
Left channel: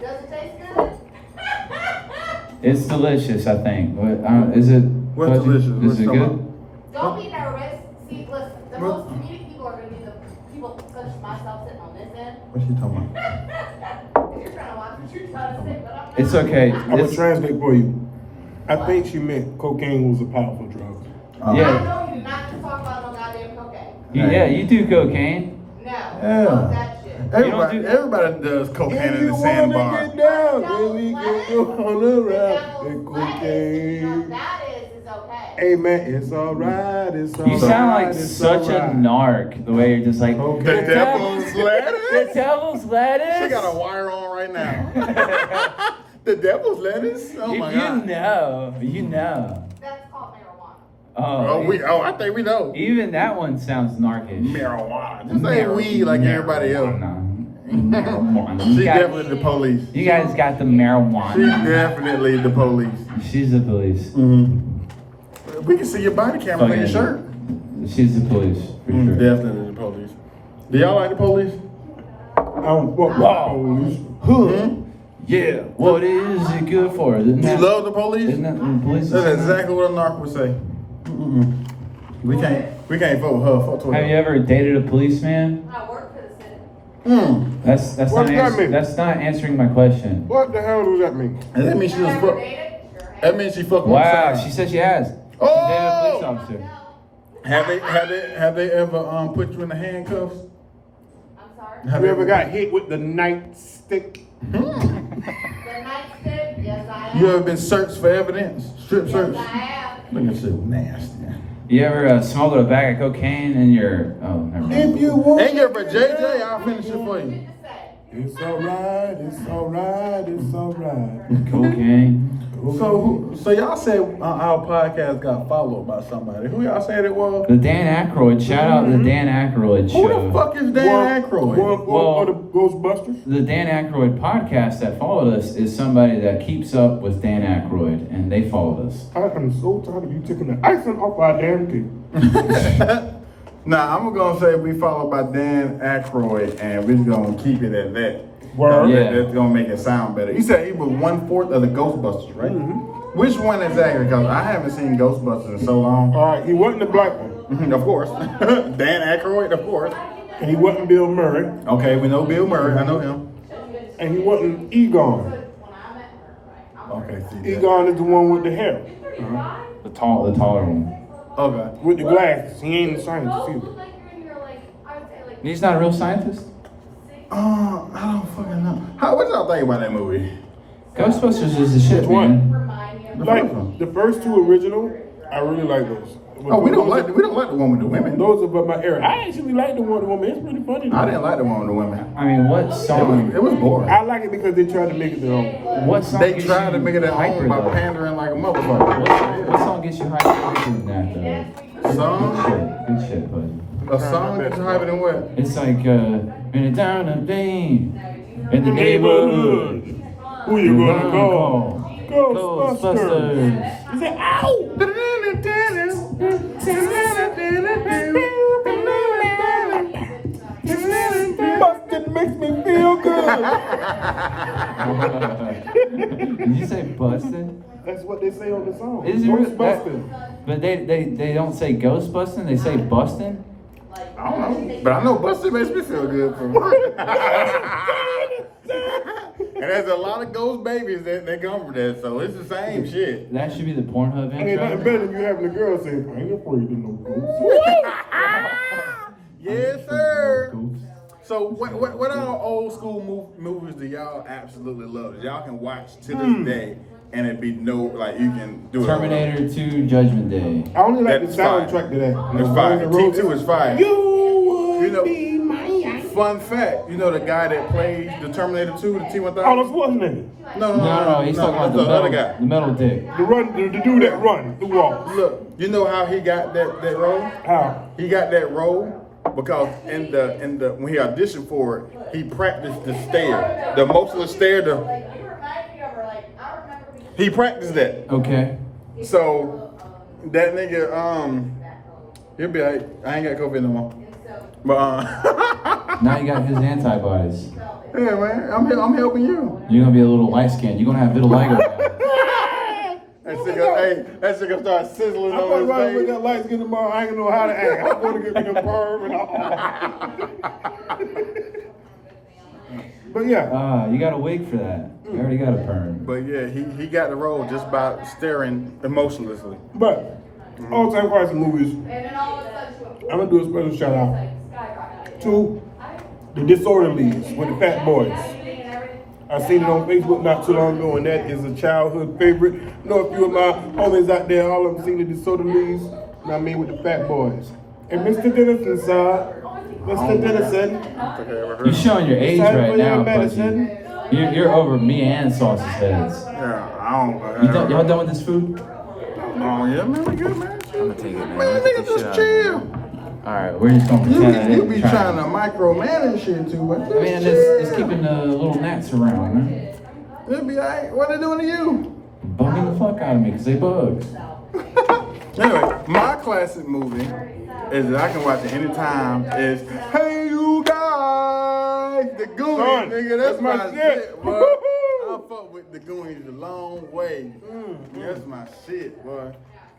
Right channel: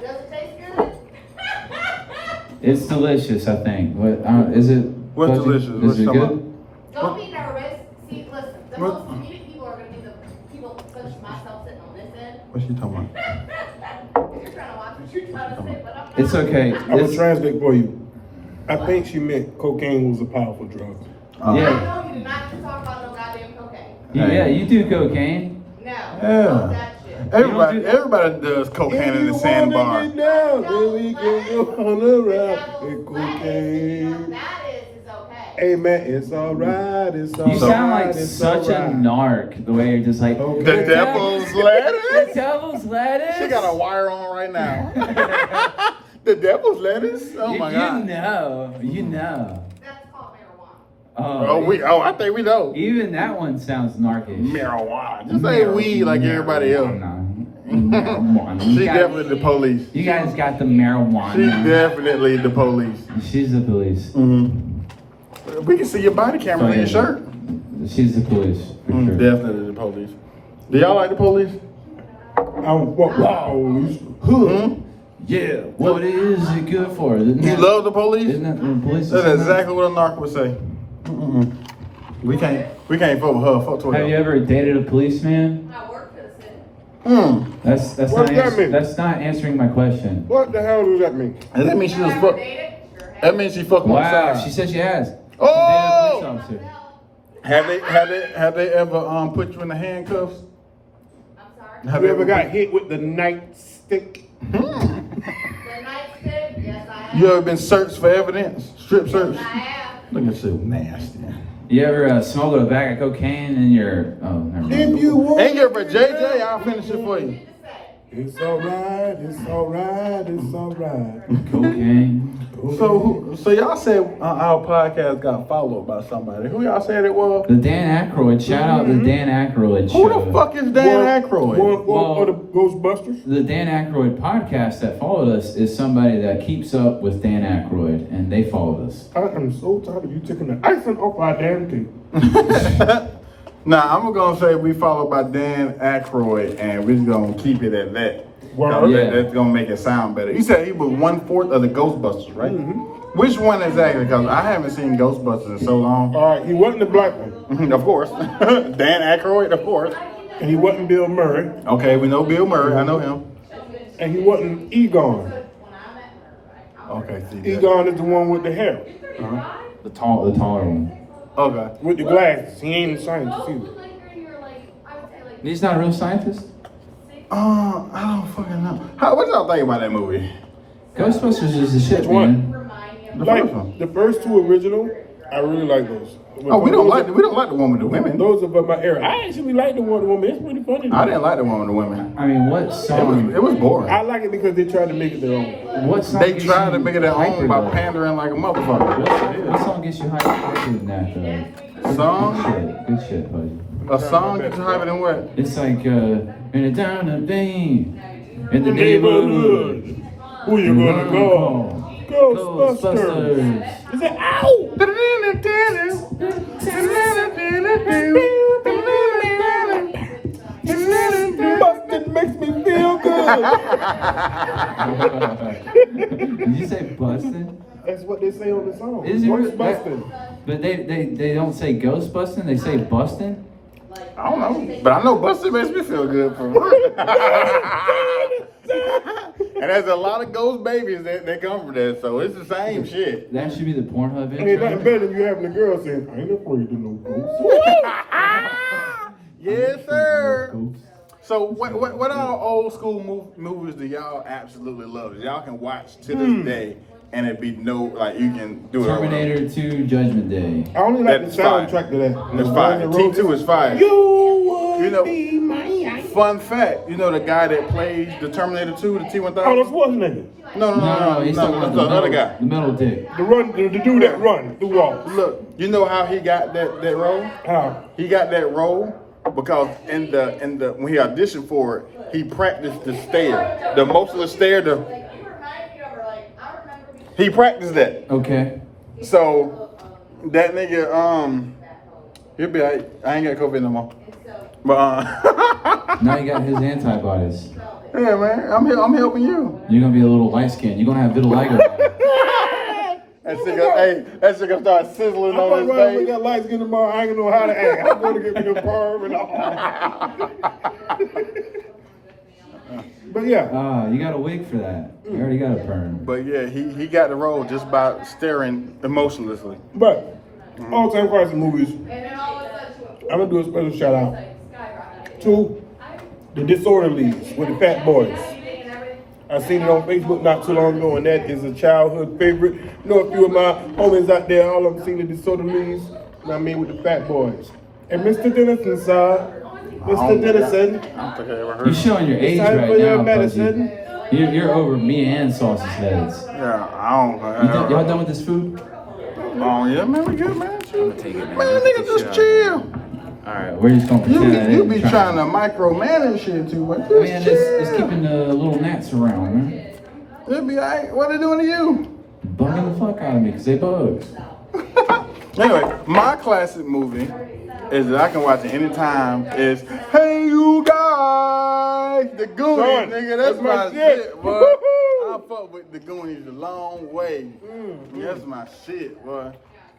it taste good? It's delicious, I think. What is it? What's Pudgee? delicious? Is What's it talking good? Don't be nervous. See, listen, the What? most comedic people are going to be the people such as myself sitting on this end. What's she talking about? You're trying to watch what you're trying to say, but I'm not. It's okay. I'm gonna It's- translate for you. I think she meant cocaine was a powerful drug. I Yeah. know you did not talk about no goddamn cocaine. Yeah, you do cocaine. No. Yeah. Fuck that shit. Everybody does cocaine If in you the wanna sandbar. get down, then we can go on around with cocaine. That is okay. Hey man, it's alright, it's You sound alright, like it's such a alright. narc, the way you're just like, Okay. The devil's The lettuce? devil's lettuce? She got a wire on right now. The devil's lettuce? Oh my God. You know. That's called marijuana. I think we know. Even that one sounds narkish. Marijuana. Just say weed like everybody else. No. Marijuana. She definitely the police. You guys got the marijuana. She definitely the police. She's the police. Mm-hmm. We can see your body cameras in your shirt. She's the police. for sure. Definitely the police. Do y'all like the police? Yeah. What is it good for? You love the police? Isn't that the police? That's exactly what a narc would say. We can't fuck with her. Fuck with Have you her. ever dated a policeman? I work for the city. That's What not does that mean? That's not answering my question. What the hell does that mean? And that means she was Ever fuck. dated? Sure. That means she fucked on the Wow, side. she said she has. Oh! She dated a police officer. Have they ever put you in the handcuffs? I'm sorry. Have You they ever got hit with the nightstick? The nightstick? Yes, I have. You ever been searched for evidence? Strip search? Yes, I have. Look at you, nasty. You ever smuggled a bag of cocaine in your? Oh, never mind. If you want. Ain't good for JJ. I'll finish it for you. It's alright, it's alright, it's alright. Cocaine. So y'all said our podcast got followed by somebody. Who y'all said it was? The Dan Aykroyd. Shout out the Dan Aykroyd show. Who the fuck is Dan Aykroyd? Or the Ghostbusters? The Dan Aykroyd podcast that followed us is somebody that keeps up with Dan Aykroyd, and they followed us. I am so tired of you taking the icing off our damn cake. Nah, I'm gonna say we followed by Dan Aykroyd, and we're gonna keep it at that. Word. Yeah. That's gonna make it sound better. You said he was 1/4 of the Ghostbusters, right? Which one exactly? Because I haven't seen Ghostbusters in so long. Alright, he wasn't the black one. Of course. Dan Aykroyd, of course. And he wasn't Bill Murray. Okay, we know Bill Murray. I know him. And he wasn't Egon. Okay, see that. Egon is the one with the hair. The taller one. Okay. With the glasses. He ain't a scientist either. He's not a real scientist. I don't fucking know. What y'all think about that movie? Ghostbusters is the shit, Which one? man. The Like first one. the first two original, I really like those. Oh, we don't like the one with the women. Those are my era. I actually like the one with the woman. It's pretty funny. I didn't like the one with the women. I mean, what song? It was boring. I like it because they tried to make it their own. What song? They gets tried you to make it their hyper, own by though? pandering like a motherfucker. What song gets you hyper than that, though? Song? Good shit, buddy. A song you hyper than what? It's like, in a down of Dane, in the Neighborhood. neighborhood. Who you gonna call? Ghostbusters. Is it ow? Bustin' makes me feel good. Did you say busted? That's what they say on the song. Is it Ghostbusting. But they don't say ghost busting, they say busting? I don't know, but I know Buster makes me feel good for And there's a lot of ghost babies that come from that, so it's the same shit. That should be the Pornhub Ain't nothing intro. better than you having a girl saying, I ain't afraid of no ghosts. Yes, sir. Ghost. So what are old school movies that y'all absolutely love? That y'all can watch to this day, and it be no like you can do it. over. Terminator 2 Judgment Day. I only like That's the soundtrack fine. to that. It's fine. T2 is fine. You would You know- be my Fun fact, you know the guy that plays the Terminator 2, the T-1000? Oh, that's what's his name? No, He's talking about that's the other metal, guy. the metal dick. The dude that run through walls. Look, you know how he got that role? How? He got that role because in the when he auditioned for it, he practiced the stare, the motionless stare. He practiced that. Okay. So that nigga, he'll be like, I ain't got COVID no more. But Now you got his antibodies. yeah, man, I'm helping you. You're gonna be a little light skinned. You're gonna have vitiligo. That shit gonna start sizzling I'm on gonna his run with face. that light skin tomorrow. I ain't gonna know how to act. I'm gonna get me the perm and all. But yeah. You got a wig for that. You already got a perm. But yeah, he got the role just by staring emotionlessly. But all time classic movies. I'm gonna do a special shout out to The Disorderlies with the Fat Boys. I seen it on Facebook not too long ago, and that is a childhood favorite. I know a few of my homies out there, all of them seen The Disorderlies. You know what I mean, with the Fat Boys. And Mr. Dennison, sir. Mr. Dennison. I don't think I ever heard You're of it. showing your age Time for right your now, medicine. Pudgee. You're over me and Sauce's heads. Yeah, Y'all done with this food? Oh yeah, man, we good, man. Man, nigga, just chill. Alright, we're just gonna pretend that You didn't be try. trying to micromanage shit too much. Man, it's keeping the little gnats around, man. It'll be alright. What they doing to you? Bugging the fuck out of me because they bugs. Anyway, my classic movie is that I can watch it anytime is Hey You Guys! The Goonies, Son, nigga. that's That's my my shit. shit, bro. I fuck with the Goonies a long way. That's my shit, boy.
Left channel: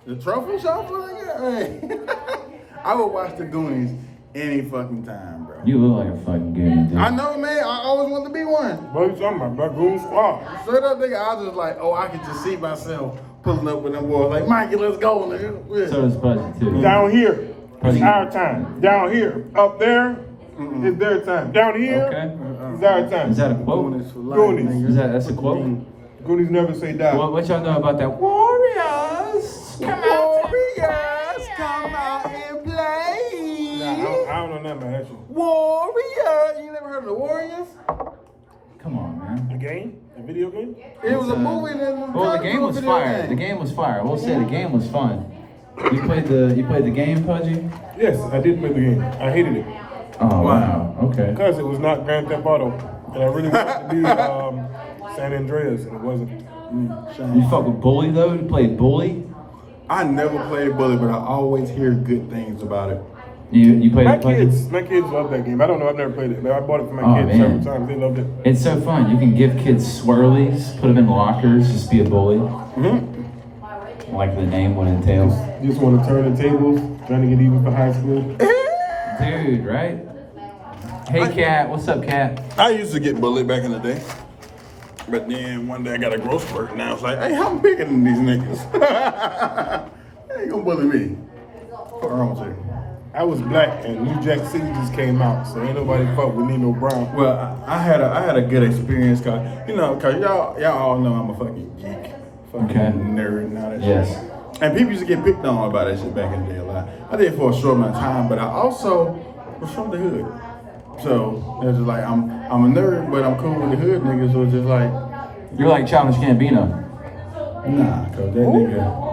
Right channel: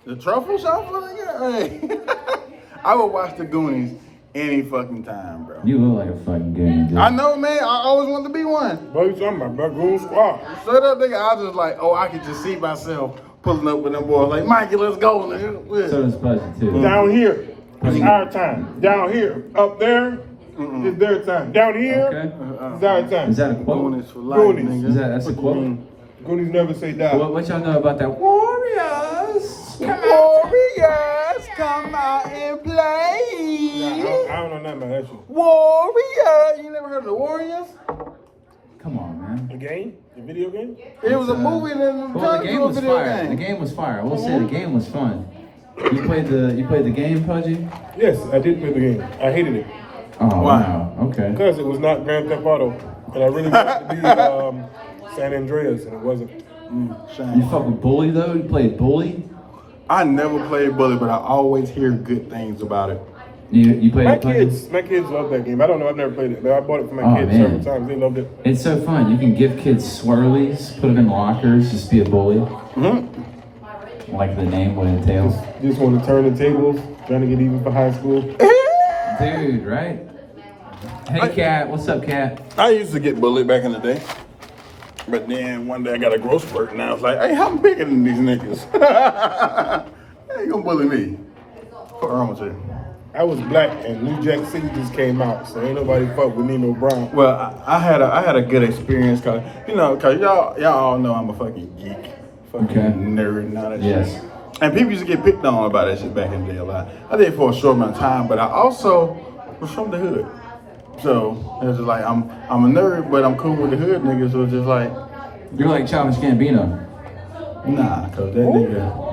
The truffle shuffle, nigga? Hey. I would watch the Goonies any fucking time, bro. You look like a fucking goon, dude. I know, man. I always wanted to be one. What you talking about, bro? Goon Squad. Straight up, nigga, I was just like, oh, I could just see myself pulling up with them boys like, Mikey, let's go, nigga. So does Pudgee, too. Down here, it's our time. Down here, up there, it's their time. Down here, Okay. it's our time. Is that a quote? Goonies for life, Goonies. nigga. That's a quote? Goonies never say die. What y'all know about that? Warriors! Warriors, come out and play. Nah, I don't know nothing about that shit. Warriors. You never heard of the Warriors? Come on, man. The game? The video game? It was a movie and then Well, the game was fire. The game was fire. I will say the game was fun. You played the game, Pudgee? Yes, I did play the game. I hated it. Oh, Why? wow. Okay. Because it was not Grand Theft Auto. And I really wanted to be San Andreas, and it wasn't. You fuck with Bully, though? You played Bully? I never played Bully, but I always hear good things about it. You played My it, Pudgee? kids love that game. I don't know, I've never played it, but I bought it for my Oh, kids man. several times. They loved it. It's so fun. You can give kids swirlies, put them in lockers, just be a bully. Like the name would entail. Just want to turn the tables, trying to get even for high school. Dude, right? Hey, Cat. What's up, Cat? I used to get bullied back in the day. But then one day I got a growth spurt and I was like, hey, I'm bigger than these niggas. Hey, you gonna bully me? What's wrong with you? I was black and New Jack City just came out, so ain't nobody fuck with Nino Brown. Well, I had a good experience cause y'all all know I'm a fucking geek, fucking Okay. nerd and all that Yes. shit. And people used to get picked on about that shit back in the day a lot. I did it for a short amount of time, but I also was from the hood. So it was just like I'm a nerd, but I'm cool with the hood niggas. So it's just like, You like Childish Gambino? nah, cause that nigga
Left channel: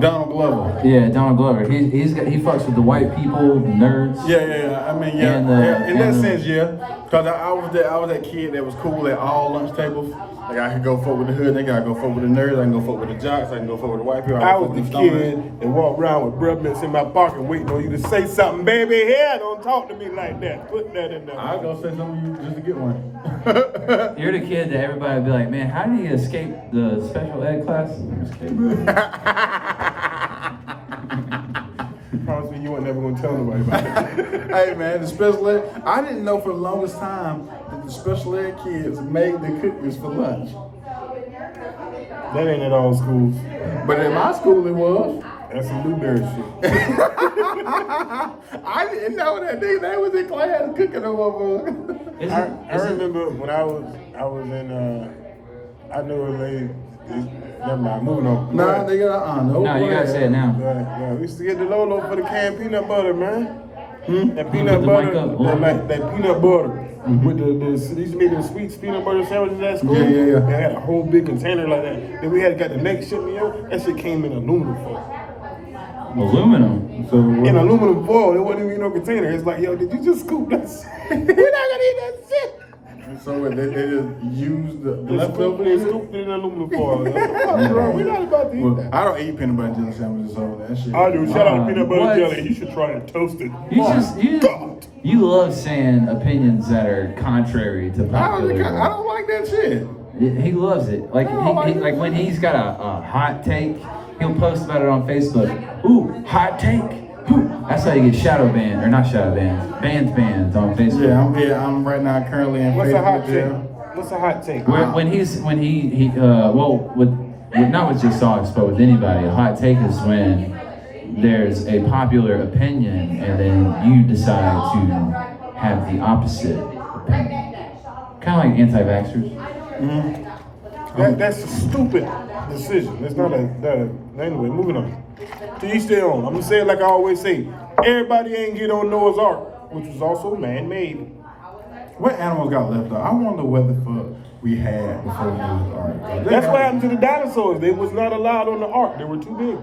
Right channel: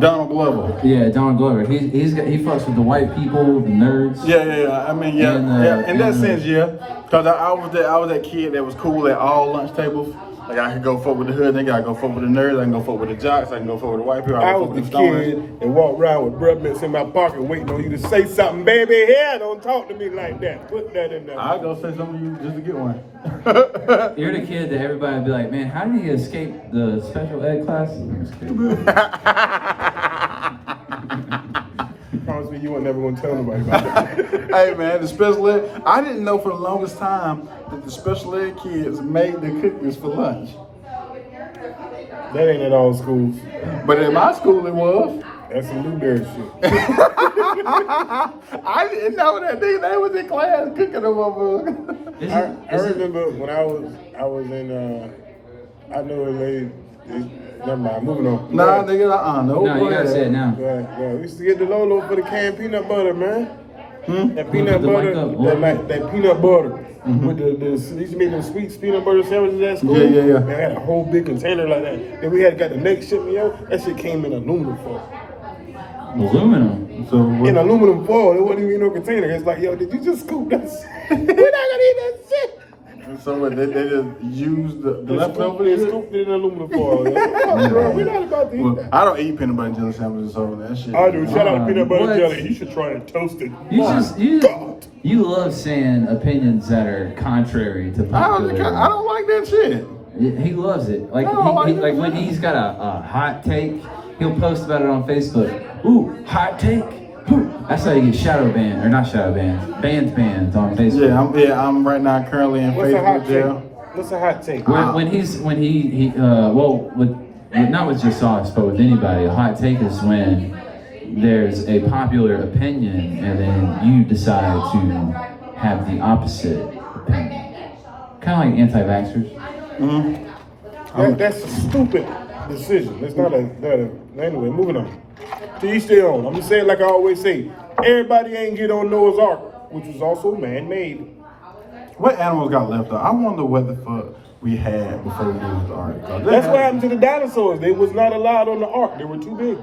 Donald Glover. Yeah, Donald Glover. He fucks with the white people, the nerds. Yeah. I mean, yeah, And, yeah. In that and- sense, yeah. Cause I was that kid that was cool at all lunch tables. Like I could go fuck with the hood nigga, I go fuck with the nerds, I can go fuck with the jocks, I can go fuck with the white people. I can was fuck the with stoners. kid that walked around with breath mints in my pocket waiting on you to say something, baby. Here, don't talk to me like that. Put that in there. I'll go say something to you just to get one. You're the kid that everybody would be like, man, how did he escape the special ed class? Promise me you weren't never gonna tell nobody about that. Hey man, the special ed, I didn't know for the longest time that the special ed kids made the cookies for lunch. That ain't at all schools. But in my school it was. That's some Newberry shit. I didn't know that they was in class cooking them over. I remember when I was in I knew a lady. Never mind, moving on. Nah, nigga, no. No, you gotta say it now. Right. We used to get the Lolo for the canned peanut butter, man. That peanut The butter, white cup. that peanut butter with the they used to make them sweet peanut butter sandwiches at school. Yeah. They had a whole big container like that. Then we had got the next shipment, yo. That shit came in aluminum foil. Aluminum. So In aluminum foil, it wasn't even no container. It's like, yo, did you just scoop that? We're not gonna eat that shit. So they just used the They leftovers. scooped it in aluminum foil. Yo. We're not about to eat Well, that. I don't eat peanut butter and jelly sandwiches, so that shit. I do. Shout out to peanut butter What? jelly. You should try it toasted. You love saying opinions that are contrary to I popular. don't like that shit. He loves it. Like like when he's got a hot take, he'll post about it on Facebook. Ooh, hot take. Ooh. That's how you get shadow banned, or not shadow banned, banned on Facebook. Yeah, I'm right now currently in What's a hot Facebook jail. take? What's a hot take? When he not with just sauce, but with anybody, a hot take is when there's a popular opinion and then you decide to have the opposite opinion. Kind of like anti-vaxxers. That's a stupid decision. It's not anyway, moving on. To each their own. I'm gonna say it like I always say. Everybody ain't get on Noah's Ark, which was also man-made. What animals got left out? I wonder what the fuck we had before we used the ark. That's what happened to the dinosaurs. They was not allowed on the ark. They were too big.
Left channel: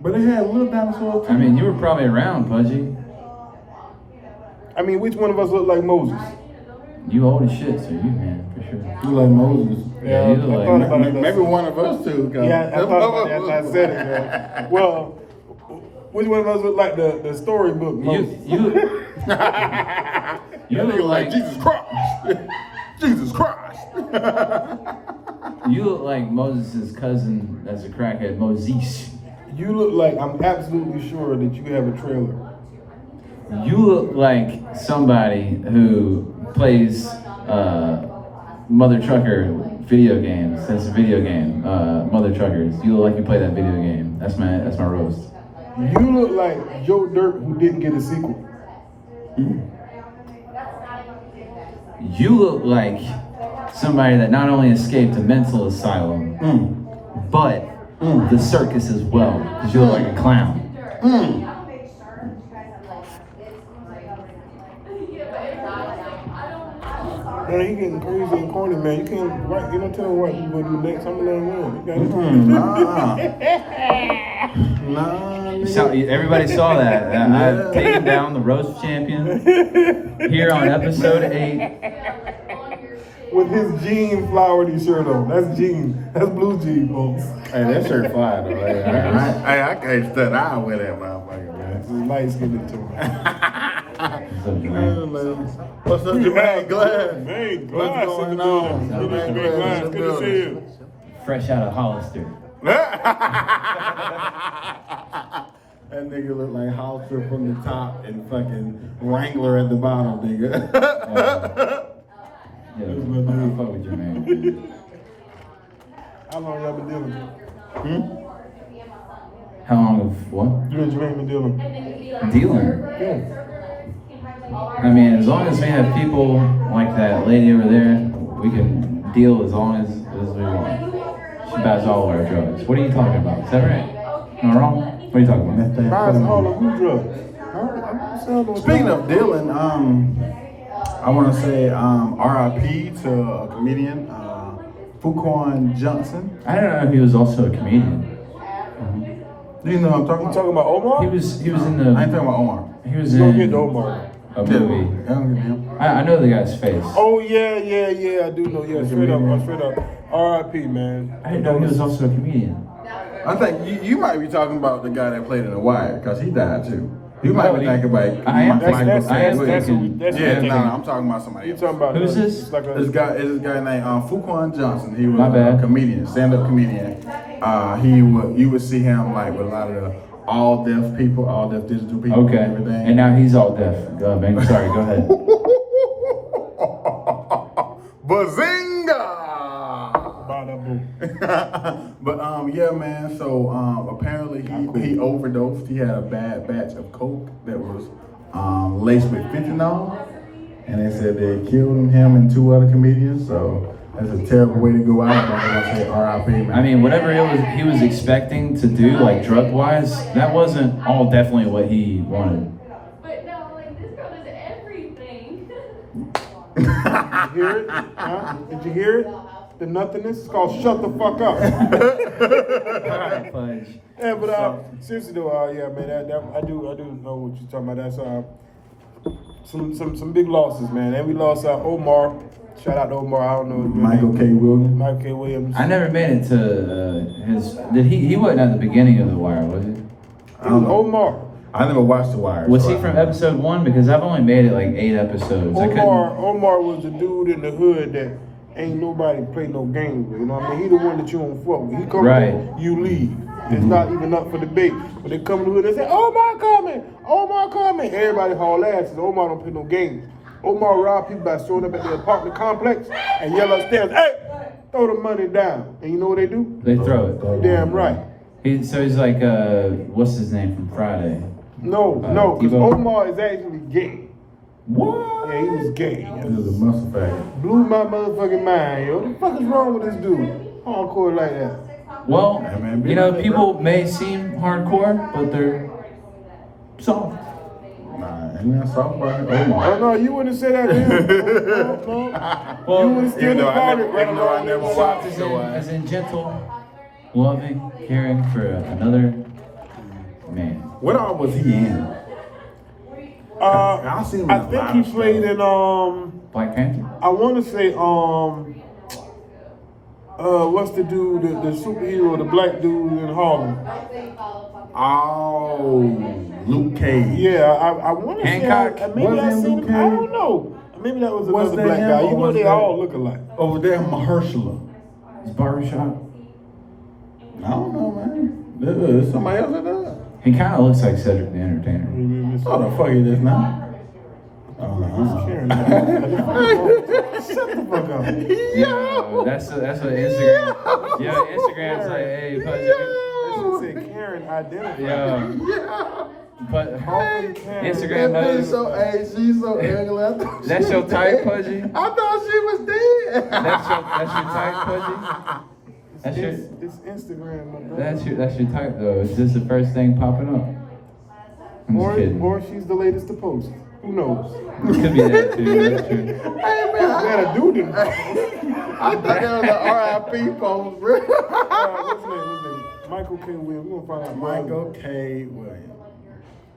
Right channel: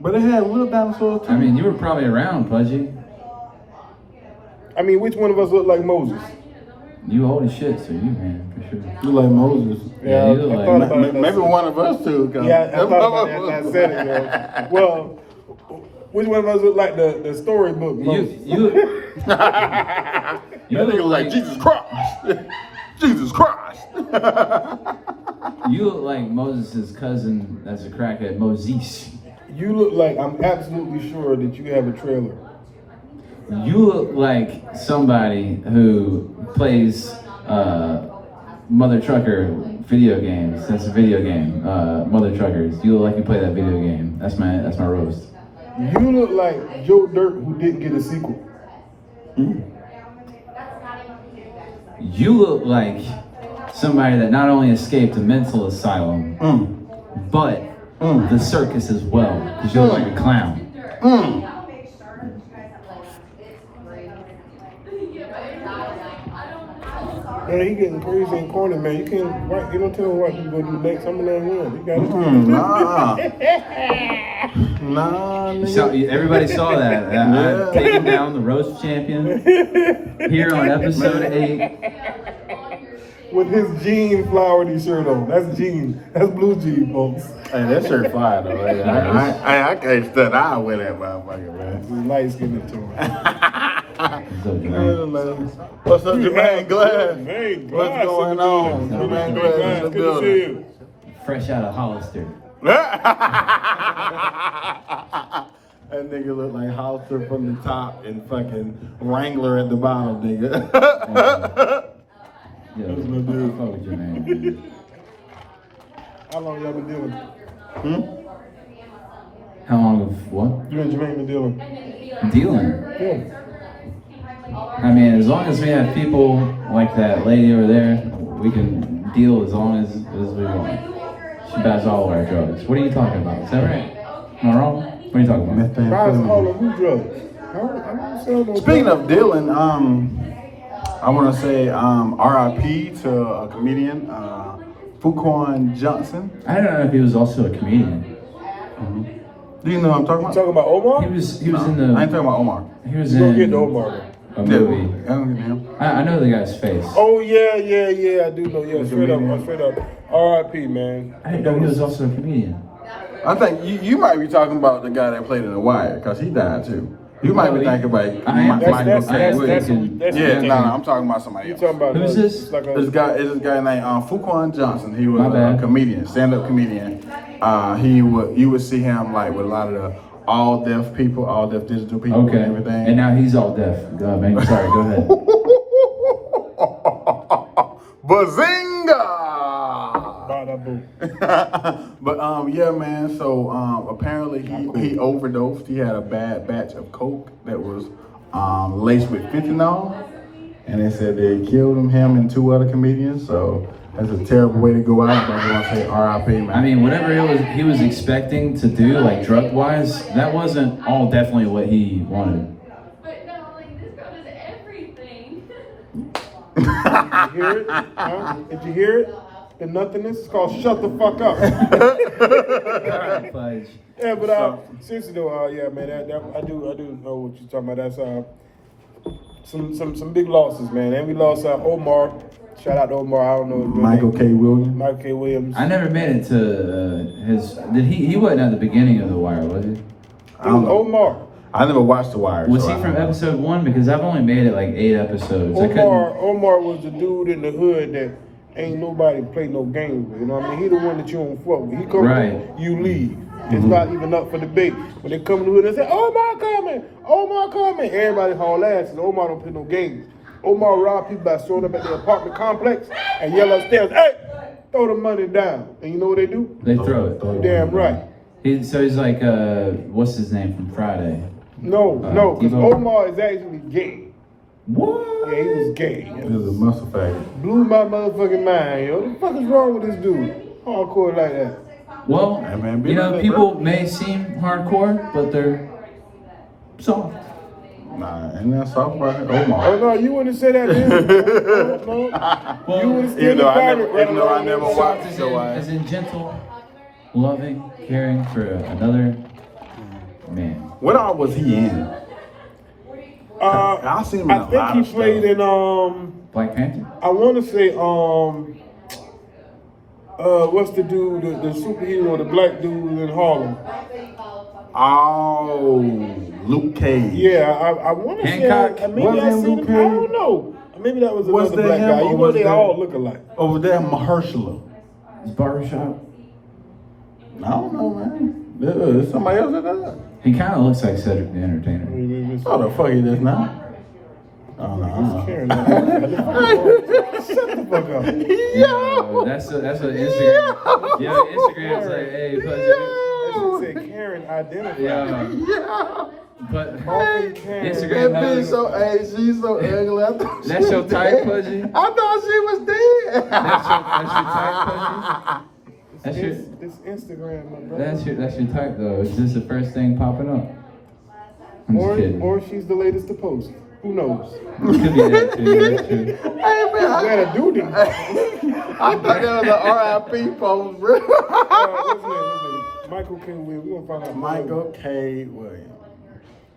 But they had little dinosaurs too. I mean, you were probably around, Pudgee. I mean, which one of us look like Moses? You old as shit, so you man, for sure. You like Moses. Yeah, you I look thought like- about it. Maybe one of us too. Yeah, I thought about that after I said it, yo. Well, which one of us look like the storybook Moses? You That nigga like Jesus Christ. Jesus Christ. you look like Moses' cousin as a crackhead, Moses. You look like, I'm absolutely sure that you have a trailer. You look like somebody who plays Mother Trucker video games. That's a video game. Mother Truckers. You look like you play that video game. That's my roast. You look like Joe Dirt who didn't get a sequel. You look like somebody that not only escaped a mental asylum, but the circus as well. Because you look like a clown. Man, he getting crazy and corny, man. You can't, right? You don't tell him what he's gonna do next. I'm gonna let him win. You got it. Nah, nigga. So, everybody saw that. I'm taking down the roast champion here on episode 8. With his jean flowery shirt on. That's jean. That's blue jean, folks. Hey, that shirt fire though. Hey, I can't stand eye with that motherfucker, man. Light skinned to him. What's up, Jermaine Glass? Jermaine What's Glass going in the on? building. Jermaine Jermaine Glass in the Glass, good to see building. you. Fresh out of Hollister. That nigga look like Hollister from the top and fucking Wrangler at the bottom, nigga. Yeah, That's my dude. fuck with you, man. How long y'all been dealing? How long of what? You and Jermaine been dealing? Dealing. Yeah. I mean, as long as we have people like that lady over there, we can deal as long as we want. She buys all of our drugs. What are you talking about? Is that right? Am I wrong? What are you talking about? Buys all of you drugs. I don't sell no Speaking drugs. of dealing, I want to say RIP to a comedian, Fuquan Johnson. I don't know if he was also a comedian. Do you know what I'm talking You about? talking about Omar? He was in I ain't the. talking about Omar. He was You gonna in get to Omar though. a movie. I don't get him. I know the guy's face. Oh yeah, I do know. Yeah, straight up. R.I.P. man. I didn't know he was also a comedian. I think you might be talking about the guy that played in The Wire, because he died too. You might be thinking about That's Yeah, no, I'm talking about somebody You else. talking about? Who's this? It's like This a, guy named Fuquan Johnson. He was My bad. a comedian, stand-up comedian. You would see him like with a lot of the all deaf digital people Okay. and everything. And now he's all deaf. Oh, man, sorry. Go ahead. Bazinga! bada boom. But yeah, man. So apparently he overdosed. He had a bad batch of coke that was laced with fentanyl, and they said they killed him and 2 other comedians. So that's a terrible way to go out. But I want to say R.I.P. man. I mean, whatever he was expecting to do, like drug-wise, that wasn't all definitely what he wanted. But no, like this girl does everything. Did you hear it? Huh? Did you hear it? The nothingness is called shut the fuck up. Fudge. Yeah, but seriously though, yeah, man, that I do know what you're talking about. That's some big losses, man. And we lost Omar. Shout out to Omar. I don't know his real Michael name. K. Williams. Michael K. Williams. I never made it to his. Did he wasn't at the beginning of The Wire, was he? It was Omar. I never watched The Wire. Was so he I from don't know. episode 1? Because I've only made it like 8 episodes. Omar was the dude in the hood that ain't nobody play no games with. You know what I mean? He the one that you don't fuck with. He come Right. in, you leave. It's not even up for debate. When they come in the hood, they say, Omar coming! Omar coming! Everybody haul ass and Omar don't play no games. Omar robbed people by showing up at the apartment complex and yell upstairs, hey! Throw the money down. And you know what they do? They throw it. Damn right. So he's like, what's his name from Friday? No, because T-Bone. Omar is actually gay. What? Yeah, he was gay. This is a muscle faggot. Blew my motherfucking mind, yo. What the fuck is wrong with this dude? Hardcore like that. Well, Hey, man, be you know, like that, people may seem hardcore, but they're soft. Nah, ain't that soft about it? Oh Omar. no, you wouldn't say that to him. No. You would have Even still though I departed never- right even though I along never with watched that. it. So, As in gentle, loving, caring for another man. What all was he in? I've seen him in I a think lot he of played stuff. in Black Panther. I want to say what's the dude, the superhero, the black dude in Harlem? Oh, Luke Cage. Yeah, I want to say Hancock? maybe Was I it seen Luke him. Cage? I don't know. Maybe that was Was another that black him, guy. or You know was they that- all look alike. Over there, Mahershala. His barbershop. I don't know, man. There's somebody else that does. He kind of looks like Cedric the Entertainer. Oh, the fuck he does now. Oh, no. Karen, shut the fuck up. Yo, that's what Instagram. Yeah, Instagram's like, hey, That shit said Karen identified. yeah. Coffin Karen. Instagram That bitch has- so, hey, she's so ugly. I thought she That's your was type, dead. Pudgee? I thought she was dead. That's your type, Pudgee? That's your, It's Instagram, my brother. that's your type though. Is this the first thing popping up? I'm just kidding. Or she's the latest to post. Who knows? Could be that too, that's true. Hey, man, Gotta do this. I thought that was an R.I.P. post, bro. What's his name? Michael K. Williams. We're gonna find out. Michael K. Williams.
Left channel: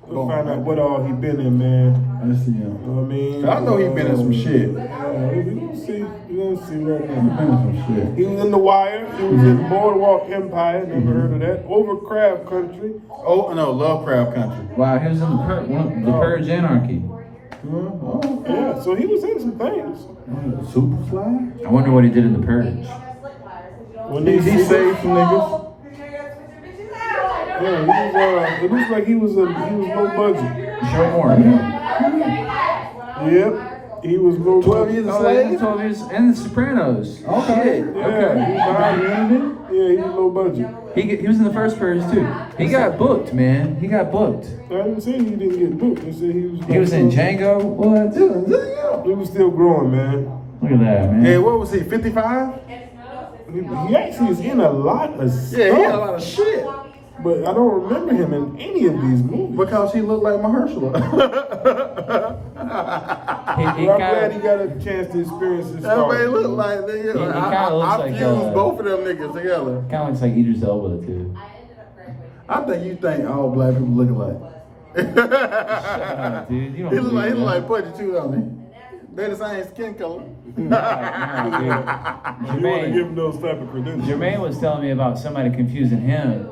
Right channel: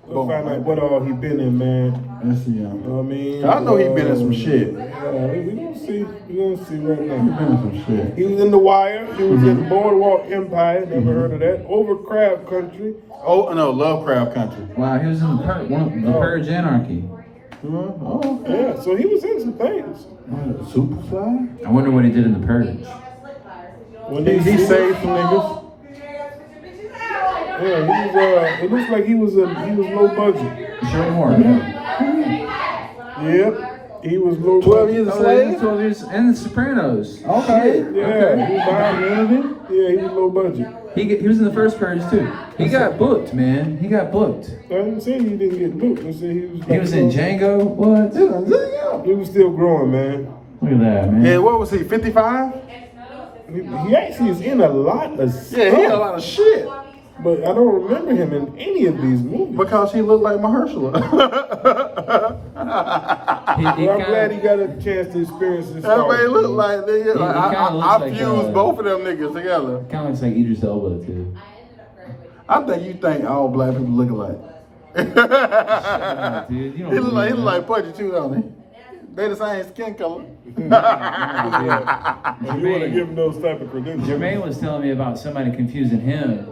We'll find out what all he been in, man. Let's see him. You know what I mean? I know he been in some shit. Yeah, we gonna see. We gonna see right He now. been in some shit. He was in The Wire. He was in Boardwalk Empire. Never heard of that. Over Crab Country. Oh, no, Lovecraft Country. Wow, he was in the Purge Anarchy. Oh, okay. Yeah, so he was in some things. Superfly? I wonder what he did in the Purge. When He saved some niggas. Yeah, he was. It looks like he was low budget. Show more. Yep, he was low 12 budget. years a Oh, slave? 12 years and The Sopranos. Okay. Yeah, he was behind Unity? Yeah, he was low budget. He was in the first Purge too. He got booked, man. He got booked. I didn't say he didn't get booked. I said he was. He was in Django. What? He was still growing, man. Look at that, man. Yeah, what was he, 55? He actually is in a lot of stuff. Yeah, he had a lot of shit. But I don't remember him in any of these movies. Because he looked like Mahershala. Well, I'm glad he got a chance to experience this. Everybody look like nigga. He kinda looks I like, fused both of them niggas together. Kind of looks like Idris Elba too. I think you think all black people look alike. Dude, you don't He look believe like that. Pudgee too, don't he? They the same skin color. You want to give him those type of credentials. Jermaine was telling me about somebody confusing him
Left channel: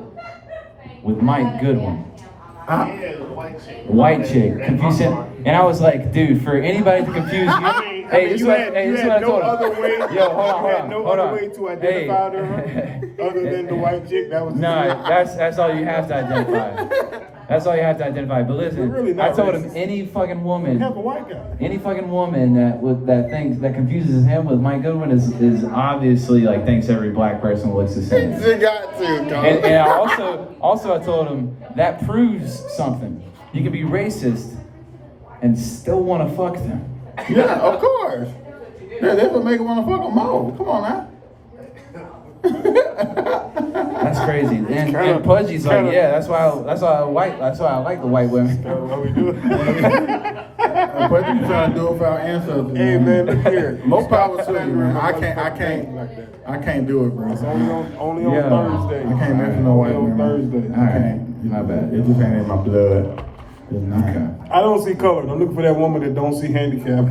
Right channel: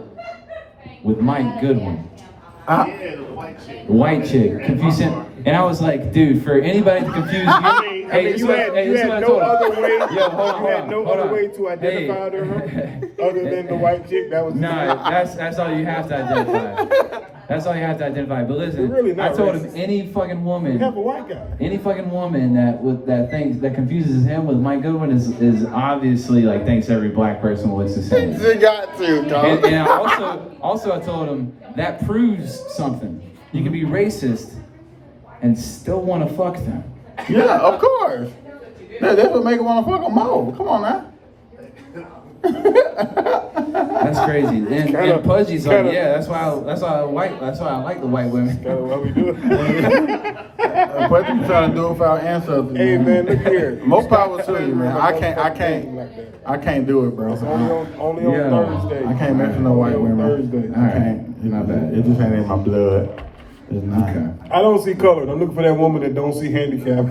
with Mike Goodwin. White chick. Confuse him. And I was like, dude, for anybody to confuse you. I mean, you had no other way. You had no other way to identify her other than the white chick. That was No, that's all you have to identify. That's all you have to identify. But listen, We're really not I told him racist. any fucking We woman, have a white guy. any fucking woman that confuses him with Mike Goodwin is obviously like thinks every black person looks the same. You got to, And I also I told him that proves something. You can be racist and still want to fuck them. Yeah, of course. That's what make it want to fuck them all. Come on now. That's crazy. And Pudgee's like, yeah, that's why I like the white women. That's what we do. But you trying to do it for our ancestors. Hey man, look here. Most power to you, Stop man. I slandering my motherfucking can't name like that. I can't do it, bro. It's only on Yeah. Thursday. I can't mess with no white Only on women. Thursday. I can't. My bad. It just ain't in my blood. It's not. I don't see color. I'm looking for that woman that don't see handicap.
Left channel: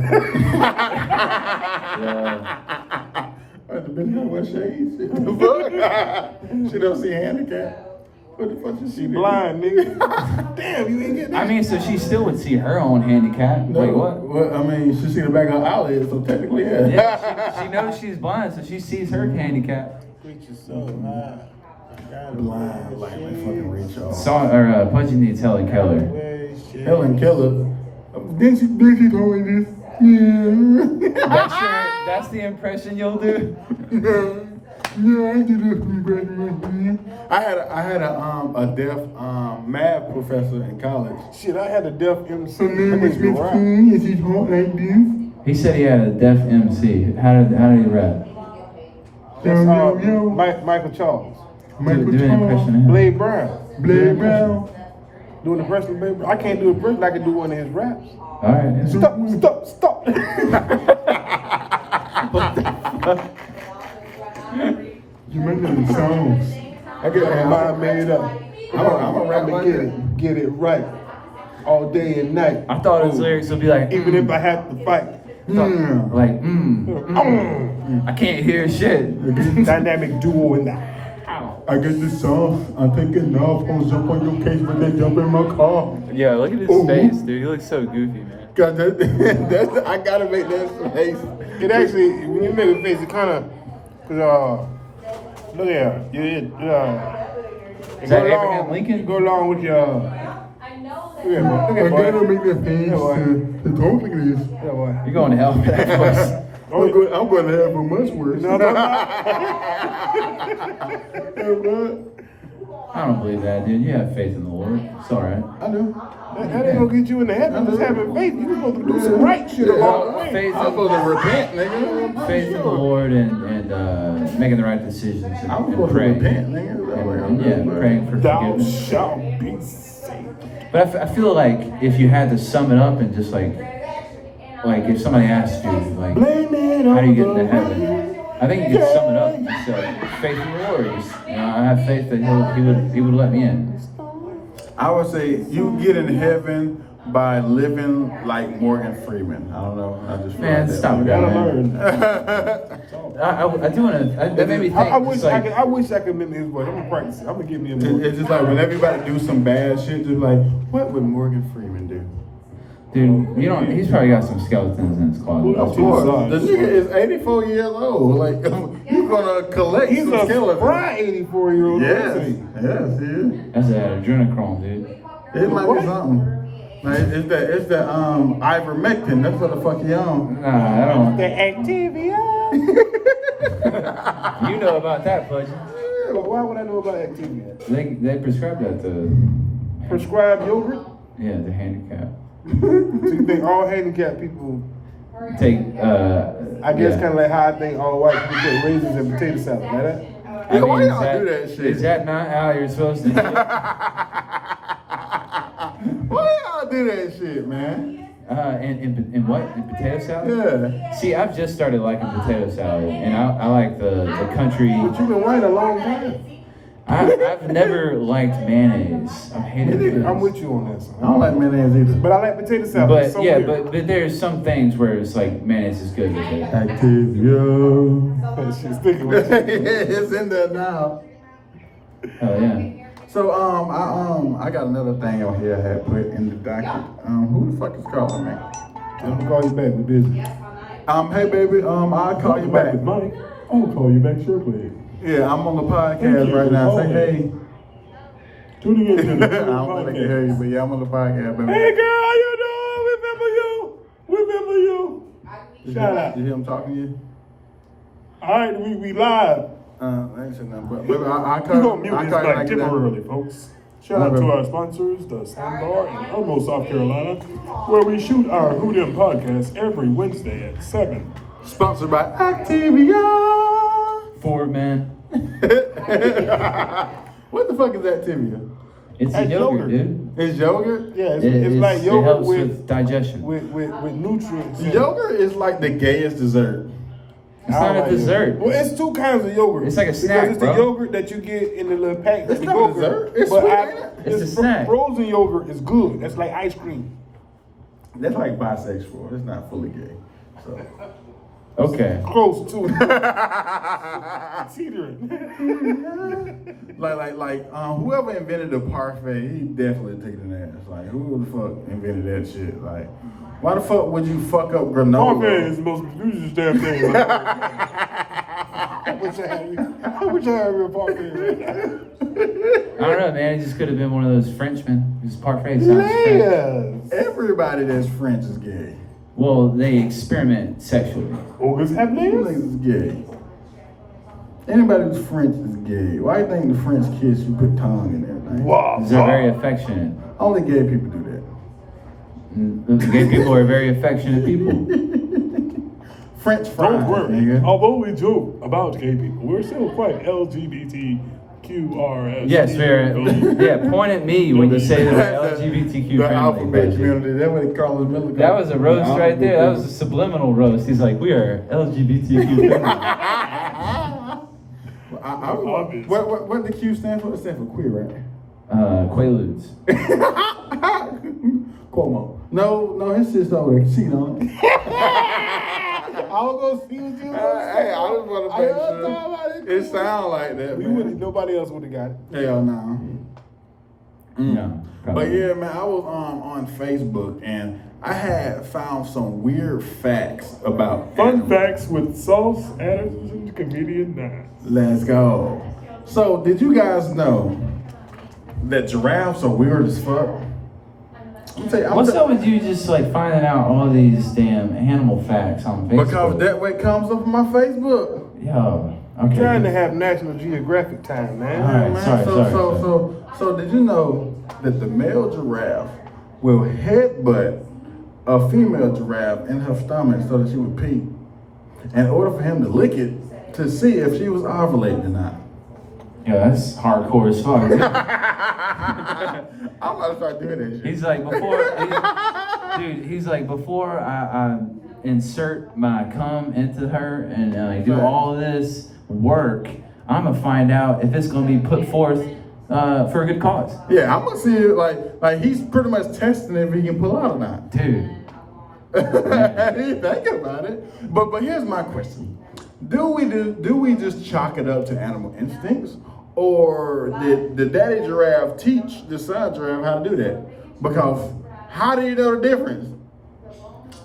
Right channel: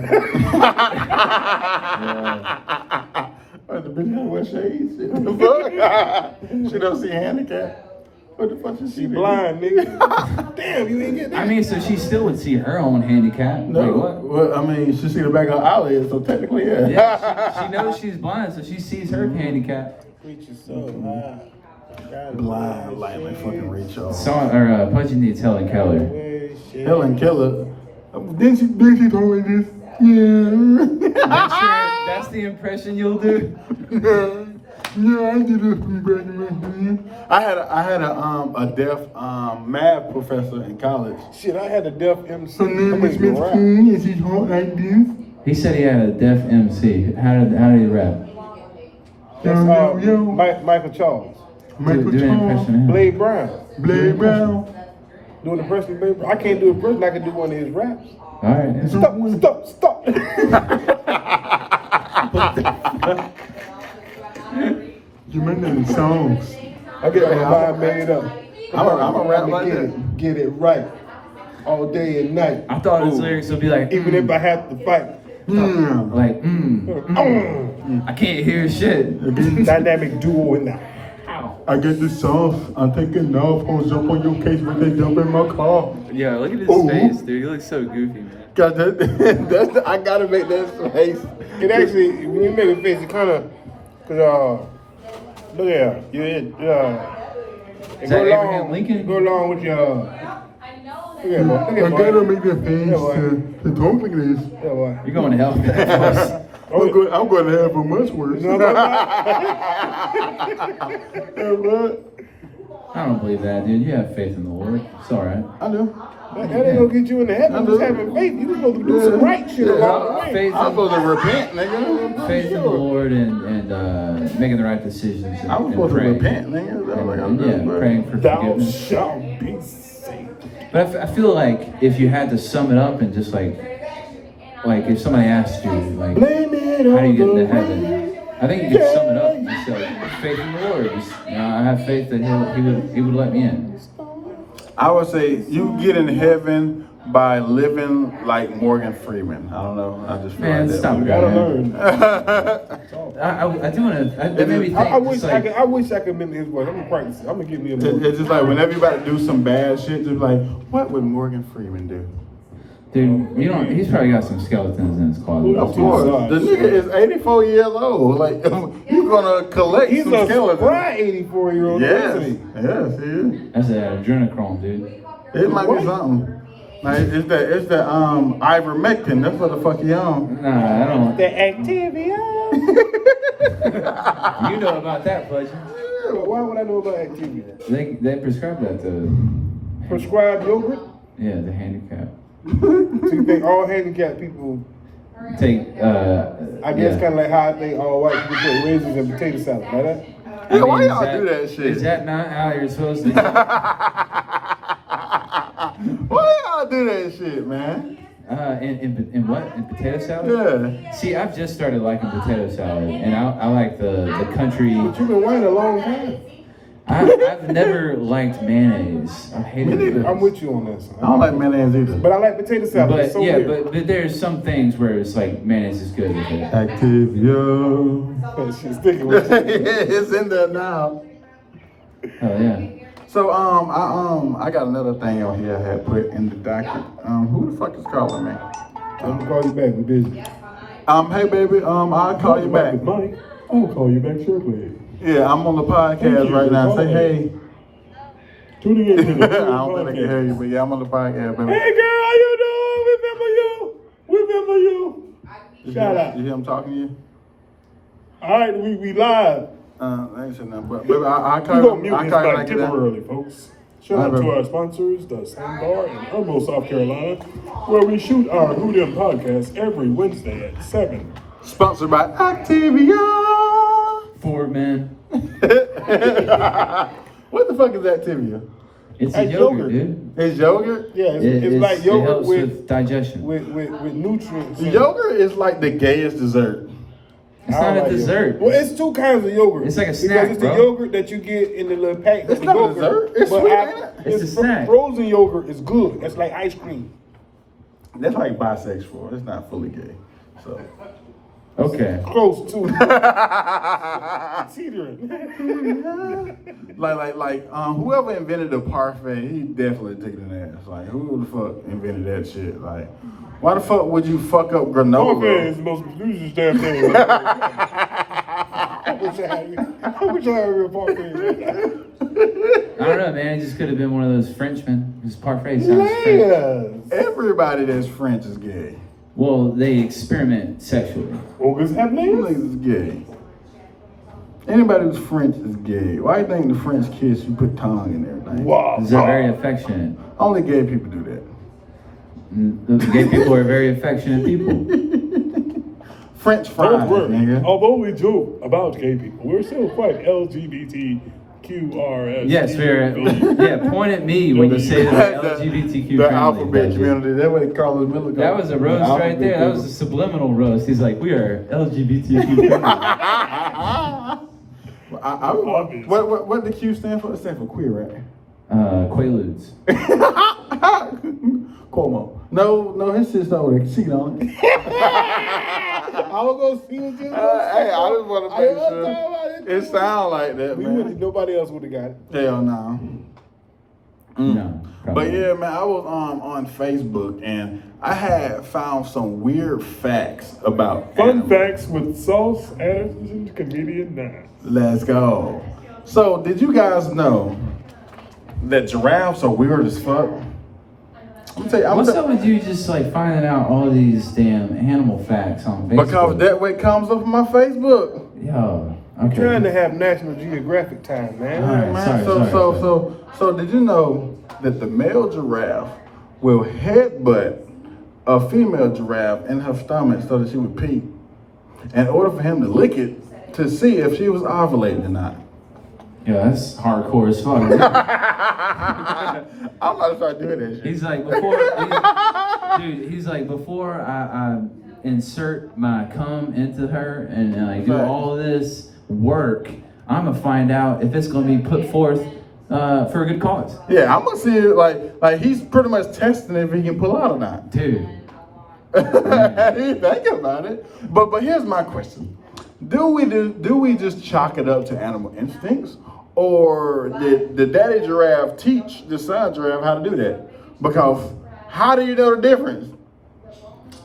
What, the bitch gonna wear shades? What the fuck? She don't see handicap. What the fuck she see? Blind, nigga. Damn, you ain't get that. I mean, so she still would see her own handicap. No. Wait, what? Well, I mean, she see the back of her eyelid, so technically, yeah. Yeah, she knows she's blind, so she sees her handicap. Preacher so high. Blind, like fucking reach off. Pudgee needs Helen Keller. Helen Keller. Then she told me this. Yeah. That's the impression you'll do. Yeah, I did this graduation. I had a deaf math professor in college. Shit, I had a deaf MC. Her name I is mean, Miss rap. King, and she talked like this. He said he had a deaf MC. How did he rap? That's Yo. Michael Charles. Michael Do an Charles. impression. Blade Brown. Blade Brown. Doing the impression of Blade Brown. I can't do an impression. I can do one of his raps. All right. Stop. You remember the songs? I get my mind made up. I'm a rap like get that. it. Get it right. all day and night. I thought his lyrics would be like, Even if I had to fight. like, I can't hear shit. Dynamic duo in the house. I get this sauce. I'm taking off. I'll jump on your case when they jump in my car. Yo, look at his Ooh. face, dude. He looks so goofy, man. Cause I gotta make that face. It actually, when you make a face, it kind of, look at it go Abraham along. Lincoln? Go along with your. I know that. Look at boy. I Look at gotta boy. make that face Yeah, boy. to talk like this. Yeah, boy. You're going to hell for that voice. I'm going to have a much worse. You know what I'm I don't believe that, dude. You have faith in the Lord. It's all right. I do. That ain't gonna get you into heaven. Just having faith. You supposed to do some right shit along the way. Faith I'm supposed to repent, nigga. faith in the Lord and making the right decisions. I was supposed to repent, nigga. That's what I'm Yeah, doing. praying for Thou forgiveness. shalt be saved. But I feel like if you had to sum it up and just like if somebody asked you, like, Blame it how do on you get the into heaven? rain. I think you could sum it up and say, faith in the Lord. Just, I have faith that he would let me in. I would say you get in heaven by living like Morgan Freeman. I don't know. I just feel Man, like stop. You that. gotta learn. I do want to. It made me think. I wish it's like, I wish I could mimic his voice. I'm gonna practice. I'm gonna give me a more. It's just like whenever you about to do some bad shit, just like, what would Morgan Freeman do? dude, you know, he's probably got some skeletons in his closet. Of course. The nigga is 84 years old. Like, you're gonna collect He's some a skeletons. spry 84-year-old. Yes, Isn't he? yes, he is. That's adrenochrome, dude. It might What? be something. Like, it's that ivermectin. That's what the fuck he on. Nah, I don't. The Activia. You know about that, Pudgee. Why would I know about Activia? They prescribe that to Prescribed yogurt. the handicap. So you think all handicapped people? Take I guess kind of like how I think all white people put raisins in potato salad, like that. Yeah, why y'all do that shit? Is that not how you're supposed to do it? Why y'all do that shit, man? In what? In potato salad? Yeah. See, I've just started liking potato salad, and I like the country. But you've been white a long time. I've never liked mayonnaise. I hate it. I'm with you on that, son. I don't like mayonnaise either. But I like potato salad. But It's so yeah, weird. but there's some things where it's like mayonnaise is good with it. Activia. That shit's sticking with you. It's in there now. Oh yeah. So I got another thing on here I had put in the docket. Who the fuck is calling me? I'm gonna call you back. We're busy. Hey baby, I'll call you back. Mike, I'm gonna call you back shortly. Yeah, I'm on the Thank podcast you right for now. Say calling. hey. Tuning in to the I don't think I can hear you, but yeah, I'm on the podcast, baby. Hey girl, how you doing? Remember you. Shout out. You hear him talking to you? All right, we live. I ain't saying nothing, but baby, I We're gonna mute I this call you like like that. temporarily, folks. Shout out to our sponsors, the Sandbar in Irmo, South Carolina, where we shoot our Who Dem podcast every Wednesday at 7. Sponsored by Activia. Ford man. What the fuck is Activia? It's a That's yogurt, yogurt. dude. It's yogurt? Yeah, it's like yogurt it helps with digestion. with nutrients. in it. Yogurt is like the gayest dessert. It's I don't not a like dessert. yogurt. Well, it's two kinds of yogurt. It's like a because snack, it's bro. the yogurt that you get in the little pack. It's the not a yogurt, dessert. It's but sweet, ain't it? It's a snack. Frozen yogurt is good. That's like ice cream. That's like bisexual. It's not fully gay. So. Okay. Close to teetering. like, whoever invented the parfait, he definitely took an ass. Like, who the fuck invented that shit? Like, why the fuck would you fuck up granola? Parfait is the most prestigious damn thing. I wish I had real parfait right now. I don't know, man. It just could have been one of those Frenchmen. Just parfait. sounds French. Layers. Everybody that's French is gay. Well, they experiment sexually. Ogres have Who layers? is gay? Anybody who's French is gay. Why do you think the French kiss, you put tongue in everything? Wow. They're very affectionate. Only gay people do that. Gay people are very affectionate people. French fries, Don't worry. nigga. Although we joke about gay people, we're still quite LGBTQRS. Yes, yeah. Point at me when you say the LGBTQ. The friendly, alphabet Pudgee. community. That's what Carlos Miller called That was a roast right there. That was a subliminal roast. He's like, we are LGBTQ. What did the Q stand for? It stands for queer, right? Quaaludes. Cuomo. No, his sister over there cheating on it. I was gonna see what you Hey, I just want to make sure. It sound like that, man. Nobody else would have got it. Hell no. No. But yeah, man, I was on Facebook and I had found some weird facts about Fun animals. facts with Sauce Anderson, comedian 9. Let's go. So, did you guys know that giraffes are weird as fuck? What's up with you just like finding out all these damn animal facts on Facebook? Because that way comes up on my Facebook. Yo, I'm okay. trying to have National Geographic time, man. All right, Yeah, man. So did you know that the male giraffe will headbutt a female giraffe in her stomach so that she would pee in order for him to lick it to see if she was ovulating or not? Yeah, that's hardcore as fuck. I'm about to start doing that shit. He's like before I insert my cum into her and I do Right. all of this work, I'm gonna find out if it's gonna be put forth for a good cause. Yeah, I'm gonna see it like he's pretty much testing if he can pull out or not. Dude. I didn't think about it. But here's my question. Do we just chalk it up to animal instincts? Or did the daddy giraffe teach the son giraffe how to do that? Because how do you know the difference?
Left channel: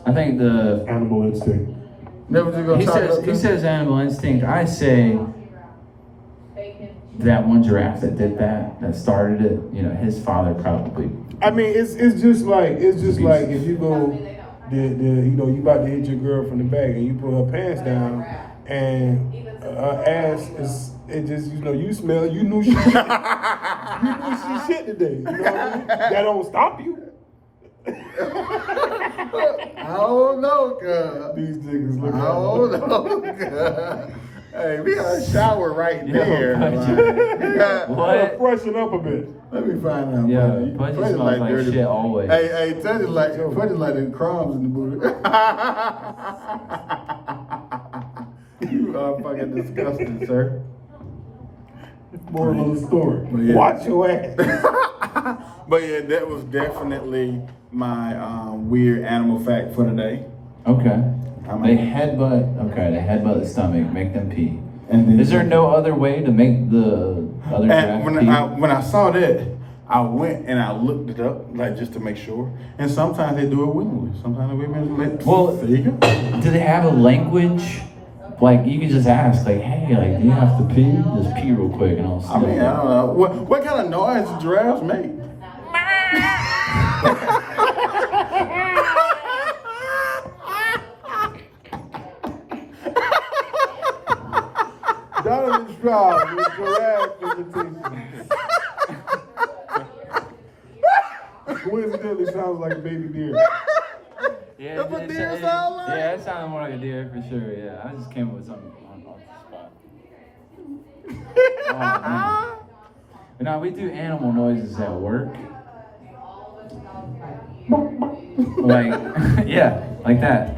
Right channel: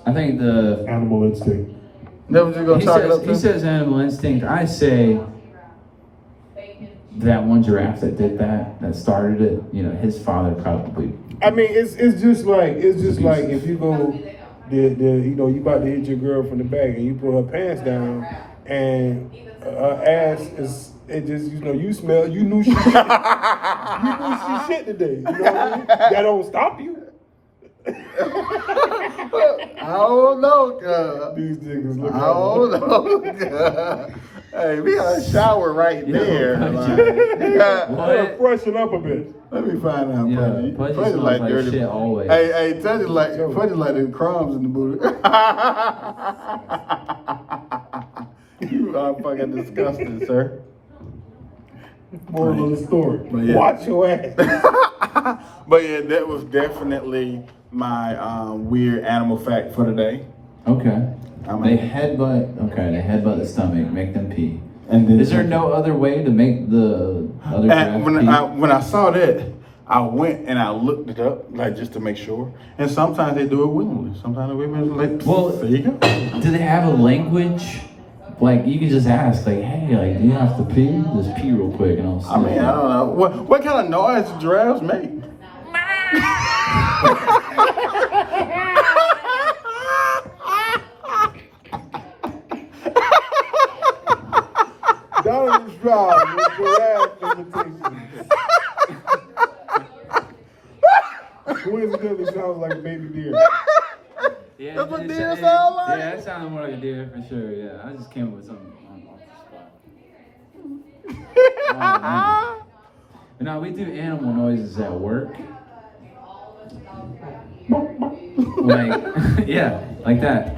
I think the Animal instinct. Never just gonna chalk it up to? he says animal instinct. I say that one giraffe that did that started it, you know, his father probably. I mean, it's just like if you go, you about to hit your girl from the back and you put her pants down and her ass is. It just, you smell, you knew she shit. You knew she shit today. You know what I mean? That don't stop you. I don't know, cuz. These niggas look I don't know, cuz. Hey, we got a shower right there. Gotta freshen up a bit. Let me find out, Yeah, buddy. Pudgee Pudgee smells like shit always. Hey, Pudgee like the crumbs in the booty. You are fucking disgusting, sir. Moral of the story. But yeah. Watch your ass. But yeah, that was definitely my weird animal fact for today. Okay. I mean- They headbutt the stomach, make them pee. And then Is there no other way to make the other And giraffe when I saw that, I went and I looked it up, like just to make sure. And sometimes they do it willingly. Sometimes the women like, Well, there you go. do they have a language? Like you can just ask, like, hey, like, do you have to pee? Just pee real quick, and I'll see. I mean, I don't know. What kind of noise do giraffes make? Donovan Stroud with giraffe imitation. Coincidentally sounds like a baby deer. Yeah, That's what it- deer it- sound like? Yeah, that sounded more like a deer for sure. Yeah, I just came up with something off the spot. Now we do animal noises at work. Like, yeah, like that.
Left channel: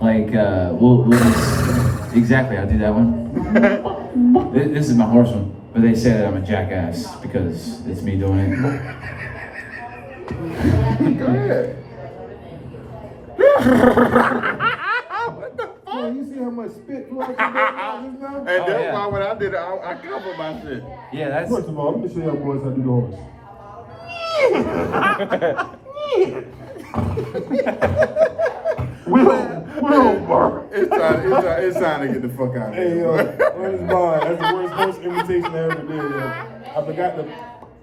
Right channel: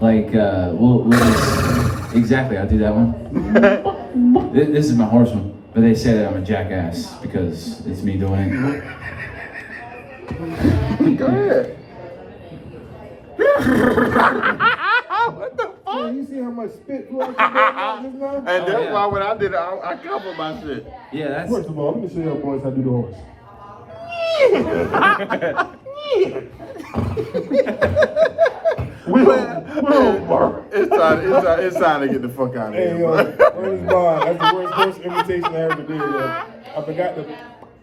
Like, we'll just, exactly, I'll do that one. This is my horse one, but they say that I'm a jackass because it's me doing it. Go ahead. Oh, you see how much spit flew out your back just now? And that's yeah. why when I did it, I covered my shit. Yeah, that's, First of all, let me show y'all boys how to do the horse. It's time to get the fuck out of Hey, here. where's mine? That's the worst horse imitation I ever did, yo. I forgot to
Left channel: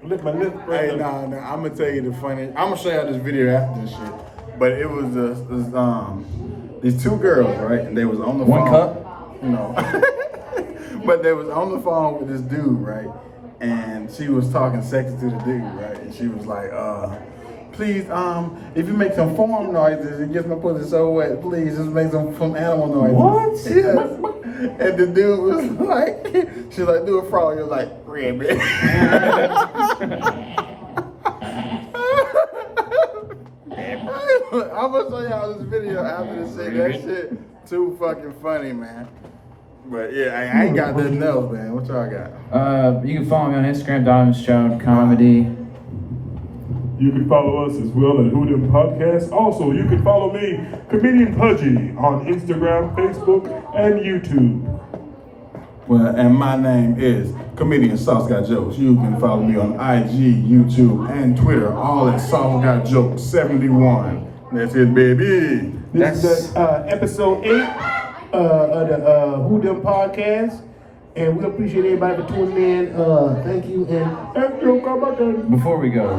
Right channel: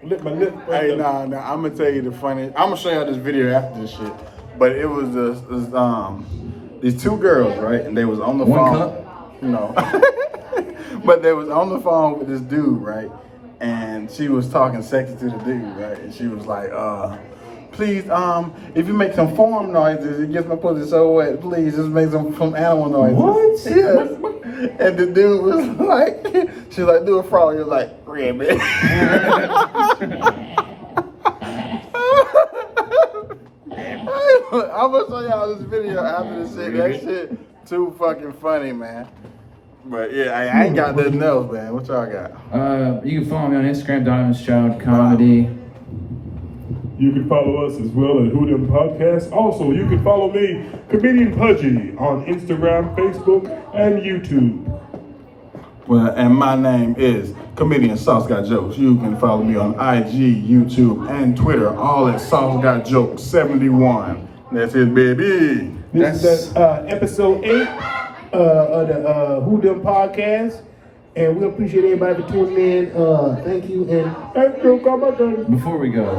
lift my lip. Hey, nah, I'm gonna tell you the funny. I'm gonna show y'all this video after this shit. But it was these two girls, right? And they was on the One phone. cup? No. But they was on the phone with this dude, right? And she was talking sexy to the dude, right? And she was like, please, if you make some farm noises, it gets my pussy so wet, please just make some animal noises. What? Yes. And the dude was like, she's like, do a frog. He was like, ribbit. I'm gonna show y'all this video after this shit. That shit too fucking funny, man. But yeah, I ain't got nothing else, man. What y'all got? You can follow me on Instagram, DonovanStroudComedy. You can follow us as well at Who Dem Podcast. Also, you can follow me, ComedianPudgee, on Instagram, Facebook, and YouTube. Well, and my name is Comedian Sauce Got Jokes. You can follow me on IG, YouTube, and Twitter, all at Sauce Got Jokes 71. That's it, baby. This is episode 8 of the Who Dem Podcast. And we appreciate everybody for tuning in. Thank you. And after Before we go,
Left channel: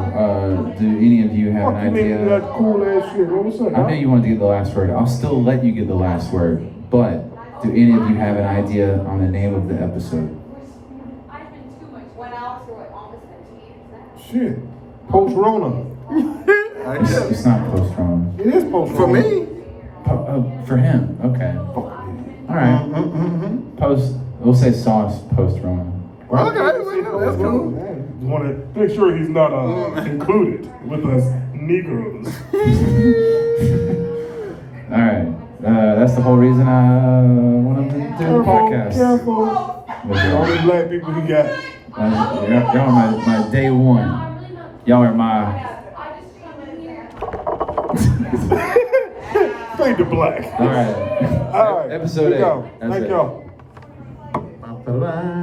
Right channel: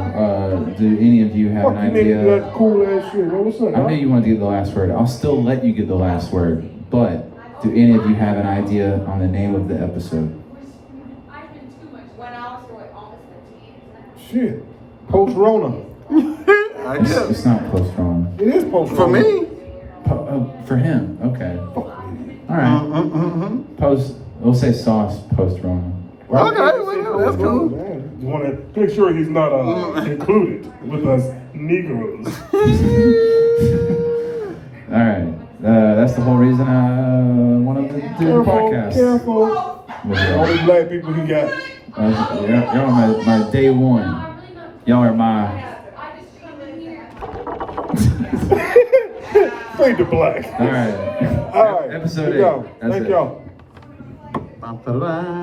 do any of you have fuck an you made me do idea? that cool ass shit. What's up, I know you want to do the last word. I'll still let you get the last word. But do any of you have an idea on the name of the episode? Went out through it almost 15 Shit. Post-Rona. I It's, guess. it's not post-Rona. It is post-Rona. For me? For him, okay. All right. Post. We'll say sauce post-Rona. Well, okay, well, that's cool. You want to make sure he's not included with us Negroes. All right. That's the whole reason I wanted to do the Careful, podcast. careful. The only black people he got. Y'all are my day one. Y'all are my. Fade to black. All right. All right. Episode Here we go. 8. That's Thank it. y'all. Bye.